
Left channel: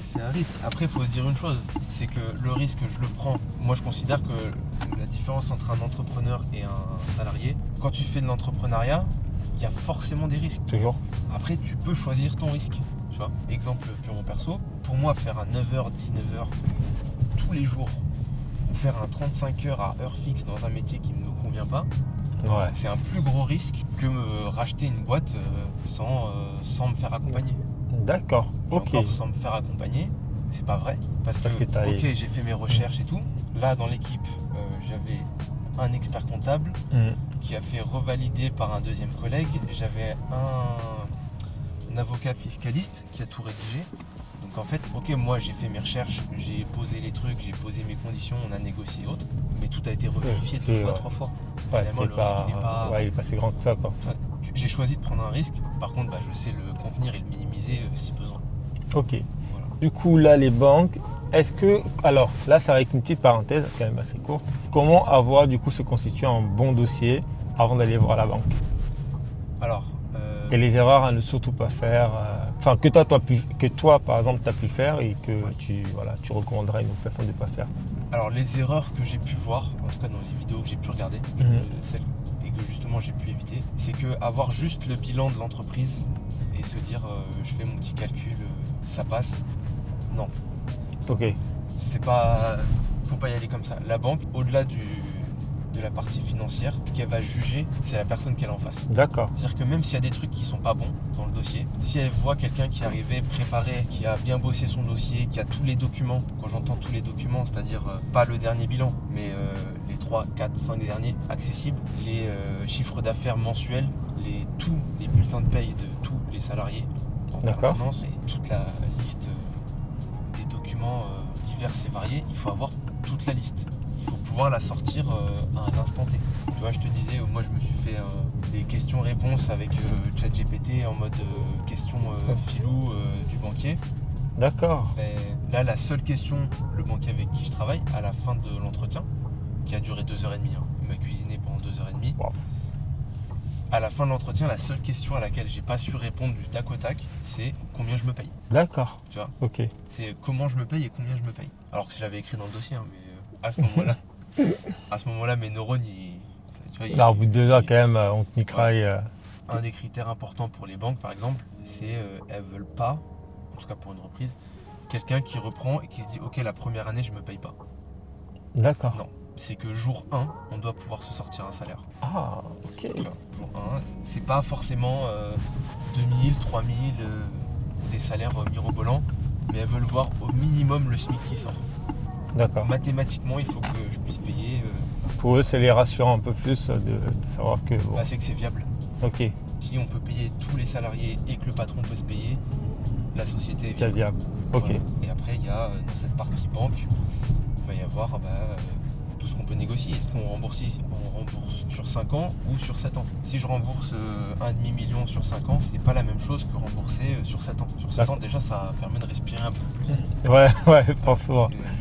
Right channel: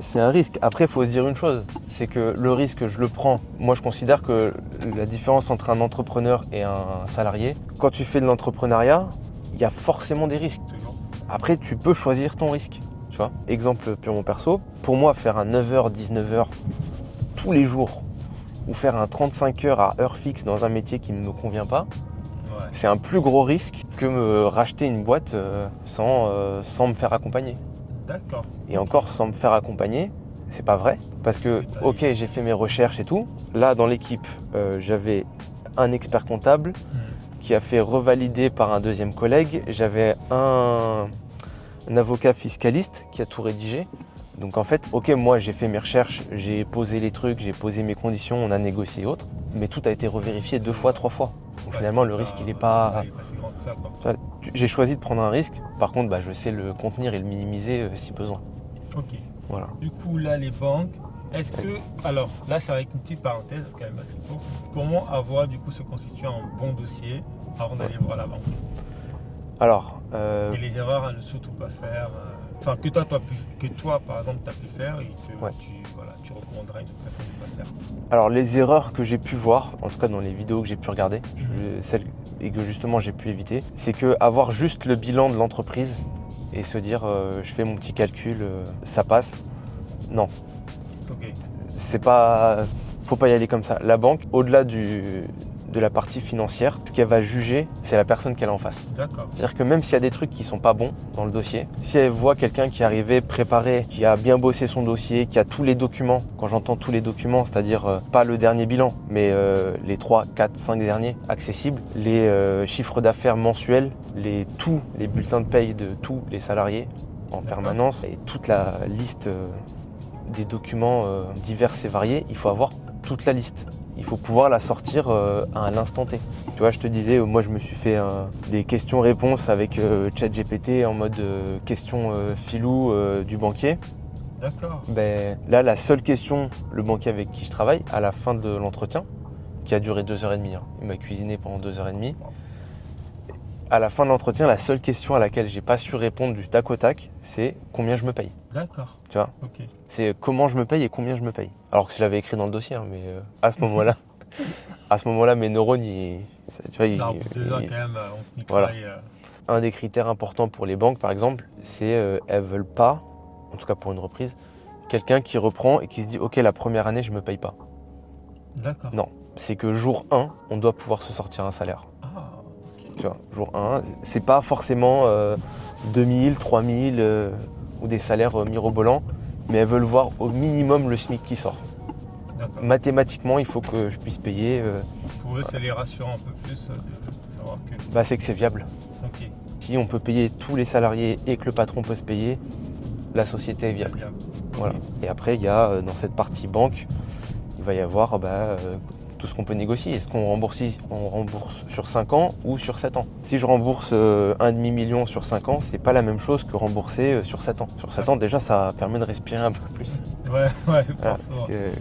C'est un risque. Après, il faut se dire une chose, c'est que le risque, je le prends. Moi, je considère que la différence entre un entrepreneur et un salarié, quand tu fais de l'entrepreneuriat, il y a forcément des risques. Toujours. Après, tu peux choisir ton risque. Tu vois, exemple purement perso, pour moi, faire un 9h, 19h tous les jours, ou faire un 35 heures à heure fixe dans un métier qui ne me convient pas, c'est un plus gros risque que me racheter une boîte sans me faire accompagner. D'accord. Et encore sans me faire accompagner, c'est pas vrai. Parce que j'ai fait mes recherches et tout. Là, dans l'équipe, j'avais un expert comptable qui a fait revalider par un deuxième collègue. J'avais un avocat fiscaliste qui a tout rédigé. Donc en fait, moi j'ai fait mes recherches, j'ai posé les trucs, j'ai posé mes conditions, on a négocié et autres, mais tout a été revérifié 2 fois, 3 fois. Donc finalement, le risque, il n'est pas... il est pas si grand que ça, quoi. J'ai choisi de prendre un risque, par contre, je sais le contenir et le minimiser si besoin. Ok. Voilà. Du coup, là, les banques, est-ce que... Alors, là, c'est avec une petite parenthèse, quand même assez court. Comment avoir, du coup, se constituer un bon dossier avant d'aller voir la banque? Alors... Et les erreurs à ne surtout pas faire... Enfin, que toi, par exemple, tu as pu faire et que tu recommanderais à une autre personne de ne pas faire. Alors, les erreurs que j'ai pu voir, en tout cas dans les vidéos que j'ai pu regarder, celles et que justement j'ai pu éviter, c'est qu'avoir juste le bilan de l'entreprise et se dire je fais mon petit calcul, ça passe. Non. Ok. C'est pas faut pas y aller comme ça. La banque, au-delà de la partie financière, ce qu'elle va juger, c'est la personne qu'elle a en face. D'accord. C'est-à-dire que même s'il y a des trucs qui sont pas bons dans le dossier, si elle voit quelqu'un qui est arrivé préparé, qui a bien bossé son dossier, qui a tous les documents, quand j'entends tous les documents, c'est-à-dire pas le dernier bilan, mais les 3, 4, 5 derniers accessibles, les chiffres d'affaires mensuels, tous les bulletins de paye de tous les salariés en D'accord. permanence et toute la liste des documents divers et variés, il faut avoir toute la liste. Il faut pouvoir la sortir à l'instant T. Tu vois, je te disais, moi je me suis fait des questions-réponses avec ChatGPT en mode question filou du banquier. D'accord. Ben, là, la seule question, le banquier avec qui je travaille, à la fin de l'entretien, qui a duré 2h30, hein. Il m'a cuisiné pendant 2h30. Wow. À la fin de l'entretien, la seule question à laquelle j'ai pas su répondre du tac au tac, c'est combien je me paye. D'accord. Tu vois, Ok. c'est comment je me paye et combien je me paye. Alors que je l'avais écrit dans le dossier, hein, mais à ce moment-là, mes neurones, tu vois, Non, au bout de 2 heures, quand même, on te mitraille. Un des critères importants pour les banques, par exemple, c'est elles veulent pas, en tout cas pour une reprise, quelqu'un qui reprend et qui se dit ok, la première année je me paye pas. D'accord. Non, c'est que jour 1, on doit pouvoir se sortir un salaire. Ah, ok. Tu vois, jour 1, c'est pas forcément 2000, 3000 ou des salaires mirobolants, mais elles veulent voir au minimum le SMIC qui sort. D'accord. Mathématiquement, il faut que je puisse payer. Pour eux, c'est les rassurant un peu plus de savoir que. Bah, c'est que c'est viable. Ok. Si on peut payer tous les salariés et que le patron peut se payer, la société est C'est viable. viable. Ok. Voilà. Et après, il y a dans cette partie banque, il va y avoir tout ce qu'on peut négocier. Est-ce qu'on rembourse sur 5 ans ou sur 7 ans? Si je rembourse 1,5 million sur 5 ans, c'est pas la même chose que rembourser sur 7 ans. Sur 7 ans, déjà, ça permet de respirer un peu plus. Ouais, Voilà, forcément. parce que-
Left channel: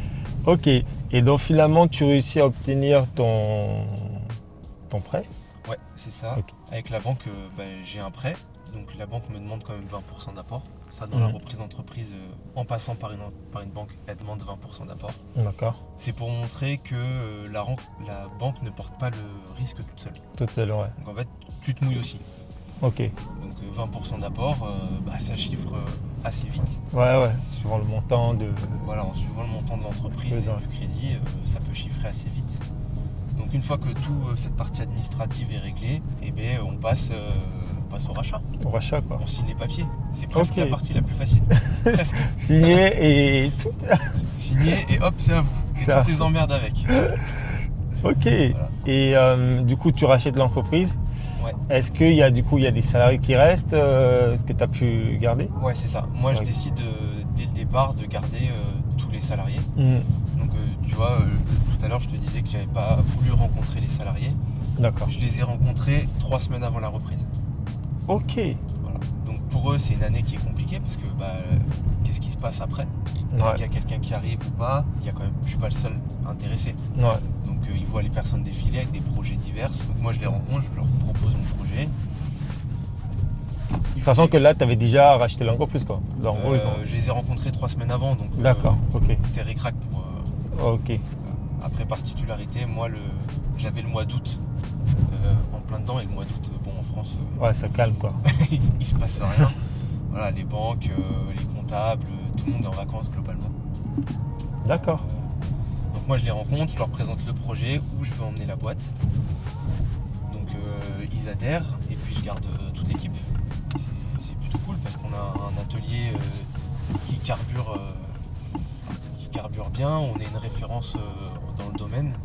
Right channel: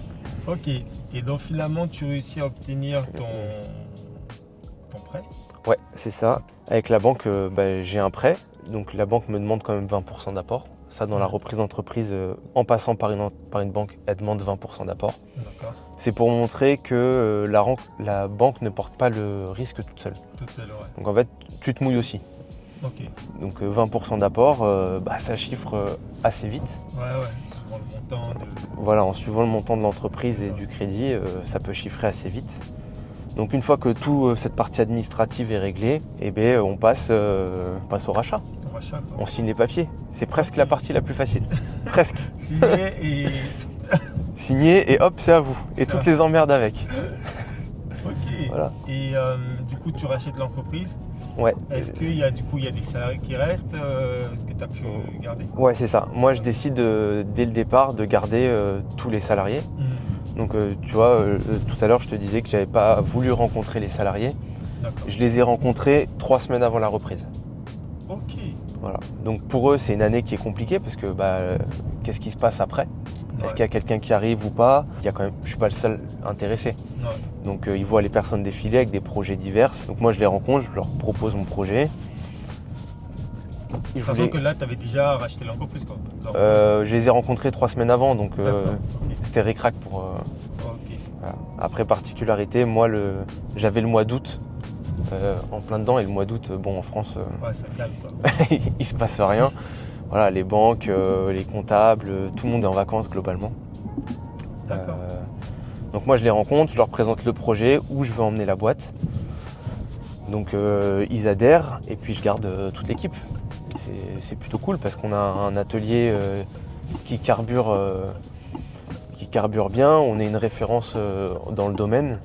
Ok. Et donc finalement, tu réussis à obtenir ton prêt. Ouais, c'est ça. Ok. Avec la banque, j'ai un prêt. Donc la banque me demande quand même 20% d'apport. Ça, dans la reprise d'entreprise, en passant par une banque, elle demande 20% d'apport. D'accord. C'est pour montrer que la banque ne porte pas le risque toute seule. Tout seul, ouais. Donc en fait, tu te mouilles aussi. Ok. Donc 20% d'apport, ça chiffre assez vite. Ouais. Suivant le montant de. Voilà, en suivant le montant de l'entreprise et D'accord. du crédit, ça peut chiffrer assez vite. Donc une fois que toute cette partie administrative est réglée, on passe au rachat. Ton rachat, quoi. On signe les papiers. C'est presque Ok. la partie la plus facile. Presque. Signé et tout. Signer et hop, c'est à vous. Et Ça. toutes les emmerdes avec. Ok. Voilà. Et du coup, tu rachètes l'entreprise. Ouais. Est-ce qu'il y a des salariés qui restent que tu as pu garder? Ouais, c'est ça. Moi, je Ouais. décide dès le départ de garder tous les salariés. Mhm. Donc, tu vois, tout à l'heure, je te disais que j'avais pas voulu rencontrer les salariés. D'accord. Je les ai rencontrés 3 semaines avant la reprise. Ok. Voilà. Donc, pour eux, c'est une année qui est compliquée parce que qu'est-ce qui se passe après? Est-ce Ouais. qu'il y a quelqu'un qui arrive ou pas? Je suis pas le seul intéressé. Ouais. Donc, ils voient les personnes défiler avec des projets divers. Donc, moi, je les rencontre, je leur propose mon projet. Sachant que là, tu avais déjà racheté l'entreprise, quoi. Je les ai rencontrés 3 semaines avant, donc D'accord. Ok. c'était ric-rac pour. Ok. Voilà. Après, particularité, moi, j'avais le mois d'août en plein dedans, et le mois d'août, en France, Ouais, ça calme, quoi. il se passe rien. Voilà, les banques, les comptables, tout le monde est en vacances globalement. D'accord. Donc moi, je les rencontre, je leur présente le projet, où je veux emmener la boîte. Donc ils adhèrent, et puis je garde toute l'équipe. C'est plutôt cool parce qu'on a un atelier qui carbure bien. On est une référence dans le domaine.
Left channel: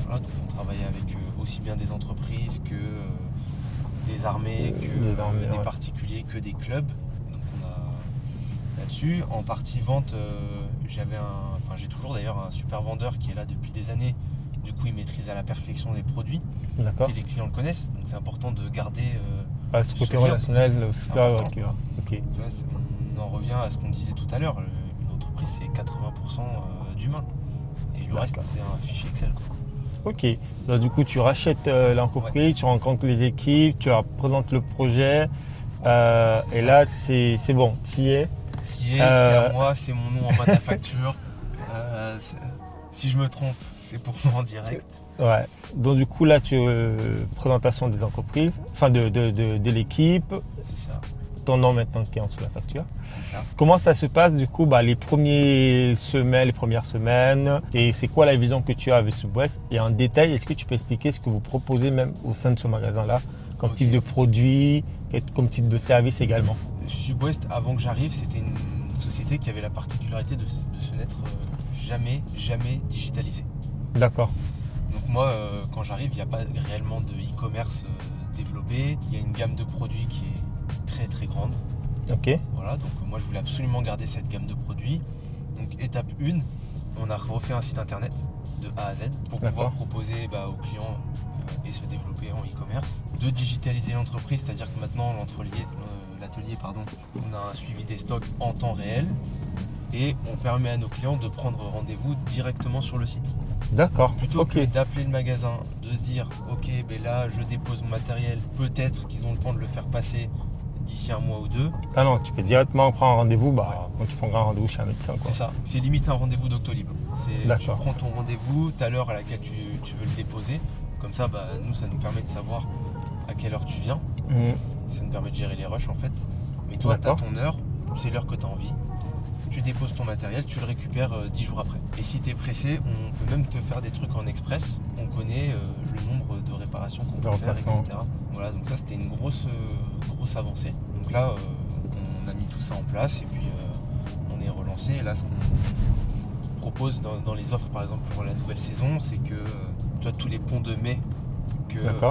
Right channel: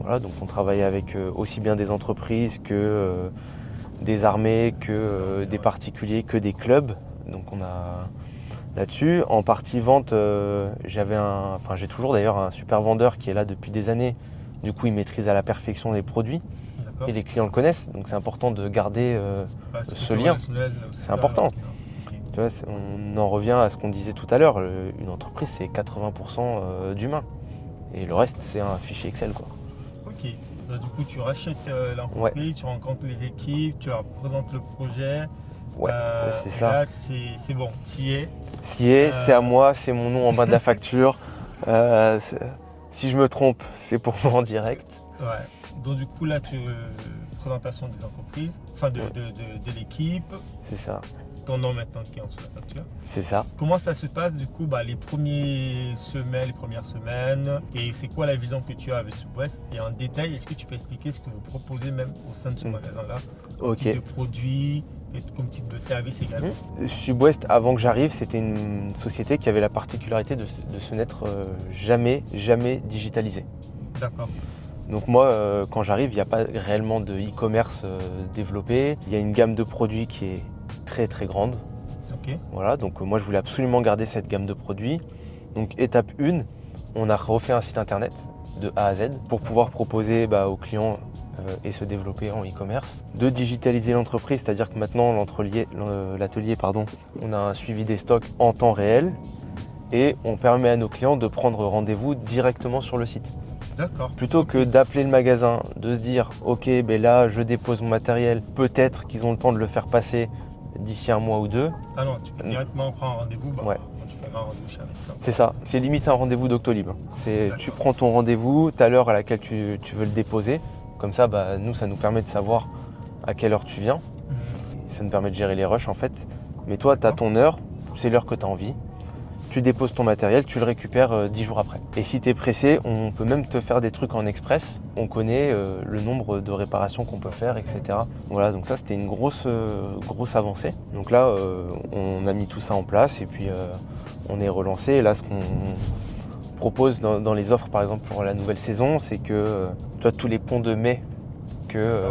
Voilà, donc on travaille avec aussi bien des entreprises que des armées, que des ouais. particuliers, que des clubs. Donc on a là-dessus. En partie vente, j'ai toujours d'ailleurs un super vendeur qui est là depuis des années. Du coup, il maîtrise à la perfection les produits. D'accord. Et les clients le connaissent, donc c'est important de garder Ce ce côté lien. relationnel aussi. C'est important. Ok. Tu vois, on en revient à ce qu'on disait tout à l'heure. Une entreprise, c'est 80% d'humain. Et le reste, c'est un fichier Excel, quoi. Ok. Donc, du coup, tu rachètes l'entreprise, tu rencontres les équipes, tu leur présentes le projet. Ouais, c'est et ça. là, c'est bon, tu y es. C'est à moi, c'est mon nom en bas de la facture. Si je me trompe, c'est pour moi en direct. Ouais. Donc, du coup, là, tu présentation des entreprises, enfin de l'équipe. C'est ça. ton nom maintenant qui est en dessous de la facture. C'est ça. Comment ça se passe du coup les premières semaines et c'est quoi la vision que tu as avec Subwest? Et en détail, est-ce que tu peux expliquer ce que vous proposez même au sein de ce magasin-là, comme type de produit, comme type de service également? Subwest, avant que j'arrive, c'était une société qui avait la particularité de se n'être jamais digitalisée. D'accord. Donc moi, quand j'arrive, il n'y a pas réellement de e-commerce développé. Il y a une gamme de produits qui est très très grande. Ok. Voilà, donc moi je voulais absolument garder cette gamme de produits. Donc étape 1, on a refait un site internet de A à Z pour pouvoir proposer aux clients et se développer en e-commerce. De digitaliser l'entreprise, c'est-à-dire que maintenant l'atelier, on a un suivi des stocks en temps réel et on permet à nos clients de prendre rendez-vous directement sur le site. D'accord. Plutôt que d'appeler le magasin, de se dire ok, là je dépose mon matériel, peut-être qu'ils ont le temps de le faire passer d'ici un mois ou deux. Ah non, tu peux directement prendre un rendez-vous quand tu prendras un rendez-vous chez un médecin. C'est ça, c'est limite un rendez-vous Doctolib. Tu prends ton rendez-vous, tu as l'heure à laquelle tu veux le déposer. Comme ça, nous, ça nous permet de savoir à quelle heure tu viens. Ça nous permet de gérer les rushs en fait. Mais toi, tu as ton heure, c'est l'heure que tu as envie. Tu déposes ton matériel, tu le récupères 10 jours après. Et si tu es pressé, on peut même te faire des trucs en express. On connaît le nombre de réparations qu'on peut faire, etc. Voilà, donc ça c'était une grosse avancée. Donc là, on a mis tout ça en place et puis on est relancé. Et là, ce qu'on propose dans les offres, par exemple pour la nouvelle saison, c'est que tu as tous les ponts de mai que...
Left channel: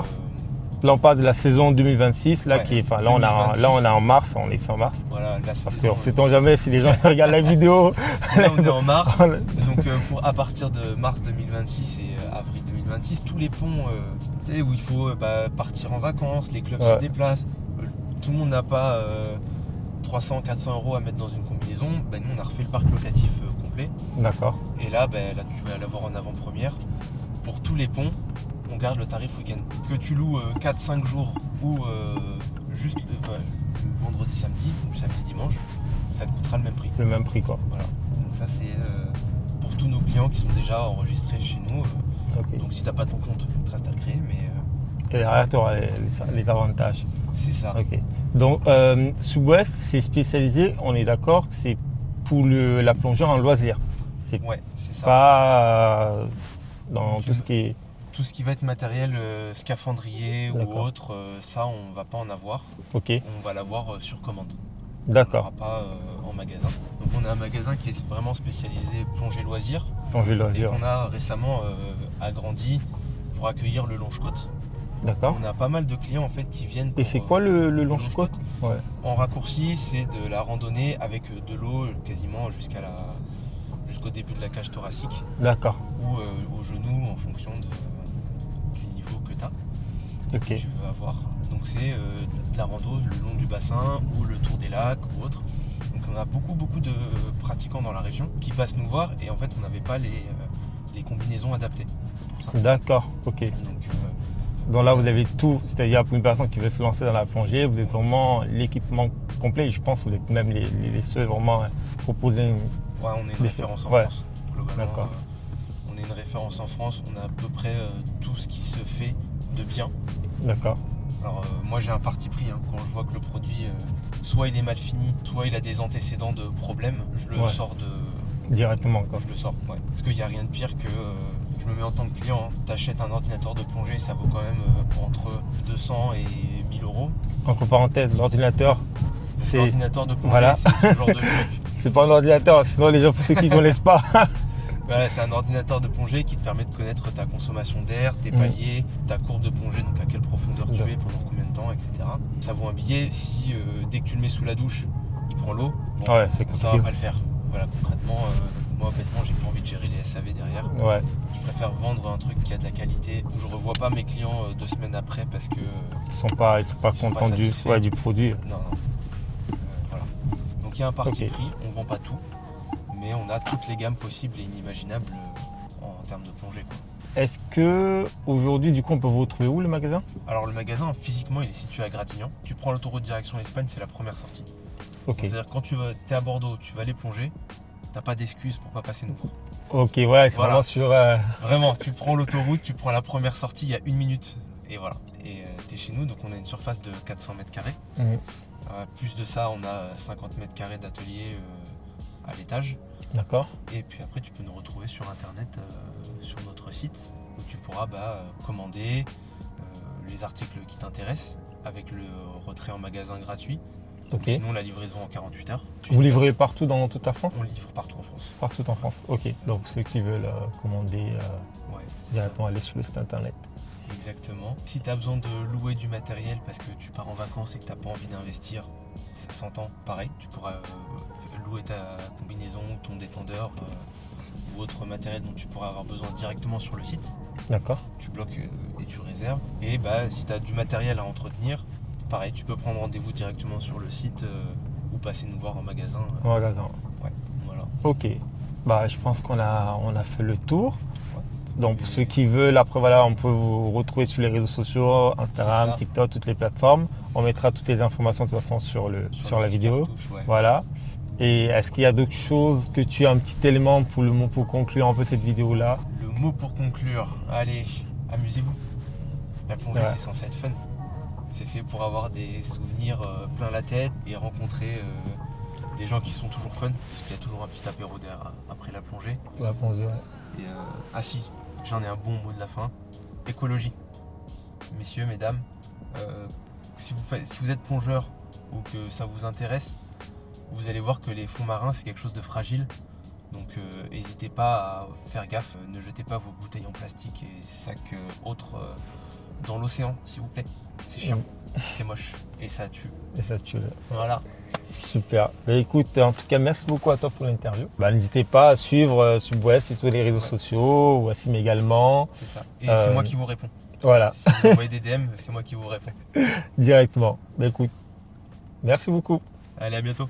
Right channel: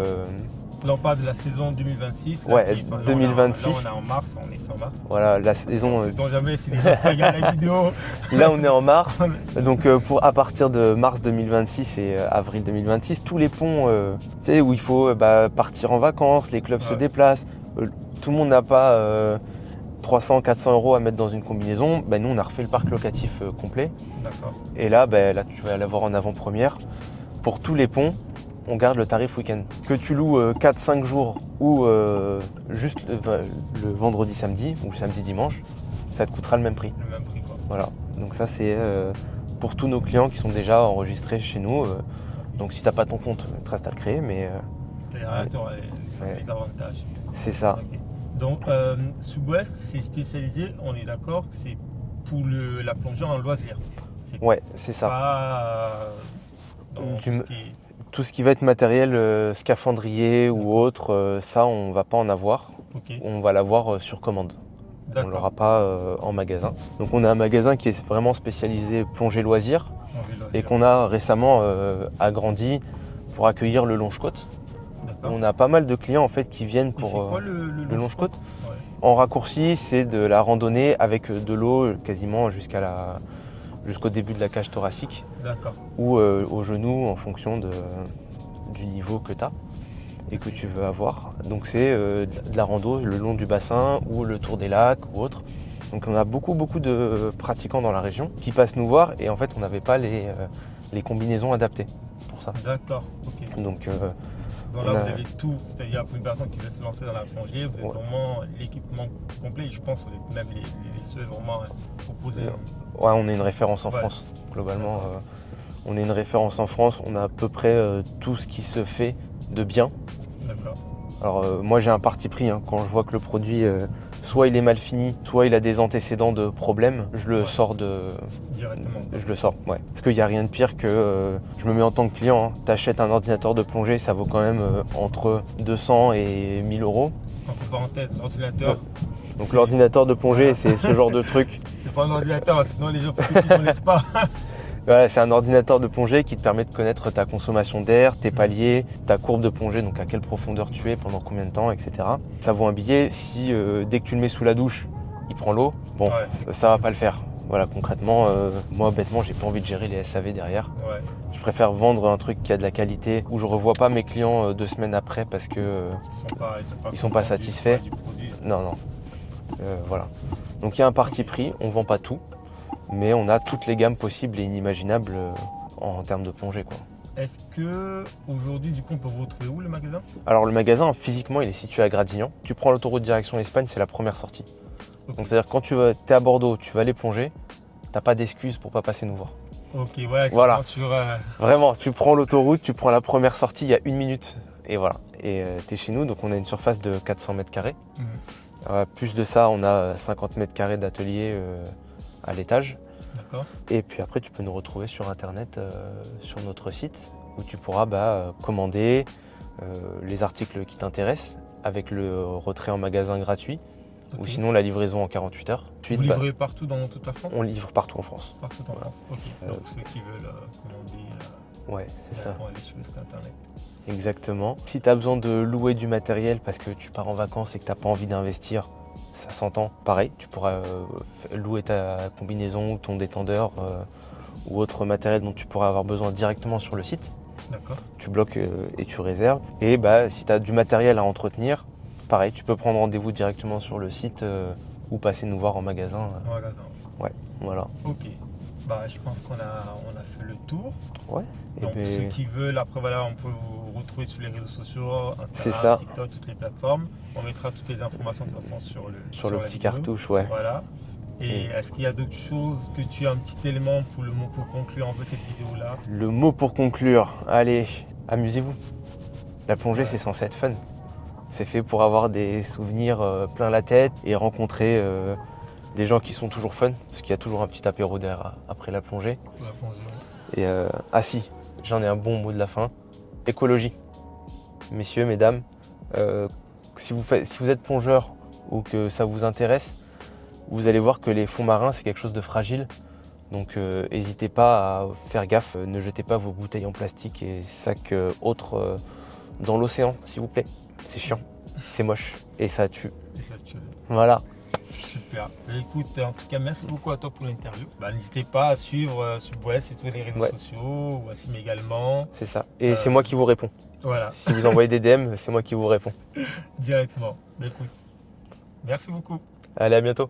Là, on parle de la saison 2026. Là, on est en mars, on est fin mars. Voilà, la saison. On ne sait jamais si les gens regardent la vidéo. Là, on est en mars. Donc, à partir de mars 2026 et avril 2026, tous les ponts où il faut partir en vacances, les clubs se déplacent. Tout le monde n'a pas 300, 400 euros à mettre dans une combinaison. Nous, on a refait le parc locatif complet. D'accord. Et là, tu vas l'avoir en avant-première. Pour tous les ponts, on garde le tarif week-end. Que tu loues 4-5 jours ou juste le vendredi, samedi ou le samedi, dimanche, ça te coûtera le même prix. Le même prix, quoi. Voilà. Donc ça, c'est pour tous nos clients qui sont déjà enregistrés chez nous. Donc si tu n'as pas ton compte, il te reste à le créer. Mais, et derrière, tu auras les avantages. C'est ça. Okay. Donc, Subwest, c'est spécialisé, on est d'accord, c'est pour la plongée en loisir. C'est ça. Pas dans tout ce qui est... Tout ce qui va être matériel scaphandrier ou autre, ça on va pas en avoir. On va l'avoir sur commande. D'accord. On l'aura pas en magasin. Donc on a un magasin qui est vraiment spécialisé plongée loisir et qu'on a récemment agrandi pour accueillir le longe-côte. D'accord. On a pas mal de clients en fait qui viennent pour... Et c'est quoi le longe-côte? En raccourci, c'est de la randonnée avec de l'eau quasiment jusqu'au début de la cage thoracique. D'accord. Ou au genou en fonction du niveau que tu as et que tu veux avoir. Donc c'est de la rando le long du bassin ou le tour des lacs ou autre. Donc on a beaucoup de pratiquants dans la région qui passent nous voir et en fait on n'avait pas les combinaisons adaptées pour ça. D'accord, ok. Donc là, vous avez tout, c'est-à-dire pour une personne qui veut se lancer dans la plongée, vous êtes vraiment l'équipement complet et je pense que vous êtes même les seuls vraiment à proposer. On est une référence en France, globalement. On est une référence en France, on a à peu près tout ce qui se fait de bien. D'accord. Alors moi j'ai un parti pris, quand je vois que le produit, soit il est mal fini, soit il a des antécédents de problèmes, je le sors directement. Je le sors, Parce qu'il n'y a rien de pire que, je me mets en tant que client, tu achètes un ordinateur de plongée, ça vaut quand même entre 200 et 1000 euros. Entre parenthèses, l'ordinateur. Donc l'ordinateur de plongée, c'est ce genre de truc. C'est pas un ordinateur, sinon les gens, pour ceux qui ne connaissent pas. C'est un ordinateur de plongée qui te permet de connaître ta consommation d'air, tes paliers, ta courbe de plongée, donc à quelle profondeur tu es, pendant combien de temps, etc. Ça vaut un billet. Si dès que tu le mets sous la douche, il prend l'eau, ça va pas le faire. Voilà, concrètement, moi bêtement, j'ai pas envie de gérer les SAV derrière. Je préfère vendre un truc qui a de la qualité, où je revois pas mes clients 2 semaines après parce que ils sont pas satisfaits du produit. Non. Voilà. Donc il y a un parti pris, on vend pas tout. Mais on a toutes les gammes possibles et inimaginables en termes de plongée, Est-ce que aujourd'hui, du coup, on peut vous retrouver où le magasin? Alors le magasin, physiquement, il est situé à Gradignan. Tu prends l'autoroute direction Espagne, c'est la première sortie. C'est-à-dire quand tu es à Bordeaux, tu vas aller plonger, t'as pas d'excuse pour pas passer nous voir. Ok, c'est vraiment sur... Vraiment, tu prends l'autoroute, tu prends la première sortie, il y a 1 minute. Et voilà. Et tu es chez nous, donc on a une surface de 400 mètres carrés. Mhm. Plus de ça, on a 50 mètres carrés d'atelier à l'étage. D'accord. Et puis après, tu peux nous retrouver sur Internet, sur notre site, où tu pourras commander les articles qui t'intéressent avec le retrait en magasin gratuit. Ok. Ou sinon la livraison en 48 heures. Vous livrez partout dans toute la France? On livre partout en France. Partout en France. Ok. Donc ceux qui veulent commander Ouais, directement aller sur le site internet. Exactement. Si tu as besoin de louer du matériel parce que tu pars en vacances et que tu n'as pas envie d'investir, ça s'entend. Pareil, tu pourras louer ta combinaison ou ton détendeur ou autre matériel dont tu pourras avoir besoin directement sur le site. D'accord. Tu bloques et tu réserves. Et si tu as du matériel à entretenir, pareil, tu peux prendre rendez-vous directement sur le site ou passer nous voir en magasin. En magasin. Ouais, voilà. Ok. Je pense qu'on a fait le tour. Ouais. Donc pour ceux qui veulent, après voilà, on peut vous retrouver sur les réseaux sociaux, Instagram, TikTok, toutes les plateformes. On mettra toutes les informations de toute façon sur la petit vidéo. Cartouche, ouais. Voilà. Et est-ce qu'il y a d'autres choses que tu as un petit élément pour conclure un peu cette vidéo-là? Le mot pour conclure, allez, amusez-vous. La plongée, Ouais. c'est censé être fun. C'est fait pour avoir des souvenirs plein la tête et rencontrer des gens qui sont toujours fun, parce qu'il y a toujours un petit apéro derrière après la plongée. La plongée, ouais. Et si, j'en ai un bon mot de la fin. Écologie. Messieurs, mesdames, si vous êtes plongeur ou que ça vous intéresse, vous allez voir que les fonds marins, c'est quelque chose de fragile. Donc n'hésitez pas à faire gaffe, ne jetez pas vos bouteilles en plastique et sacs autres dans l'océan, s'il vous plaît. C'est chiant, c'est moche et ça tue. Et ça tue. Voilà. Super. Écoute, en tout cas, merci beaucoup à toi pour l'interview. N'hésitez pas à suivre Subway sur tous les réseaux sociaux, Wassim également. C'est ça. Et c'est moi qui vous réponds. Voilà. Si vous envoyez des DM, c'est moi qui vous réponds. Directement. Écoute, merci beaucoup. Allez, à bientôt.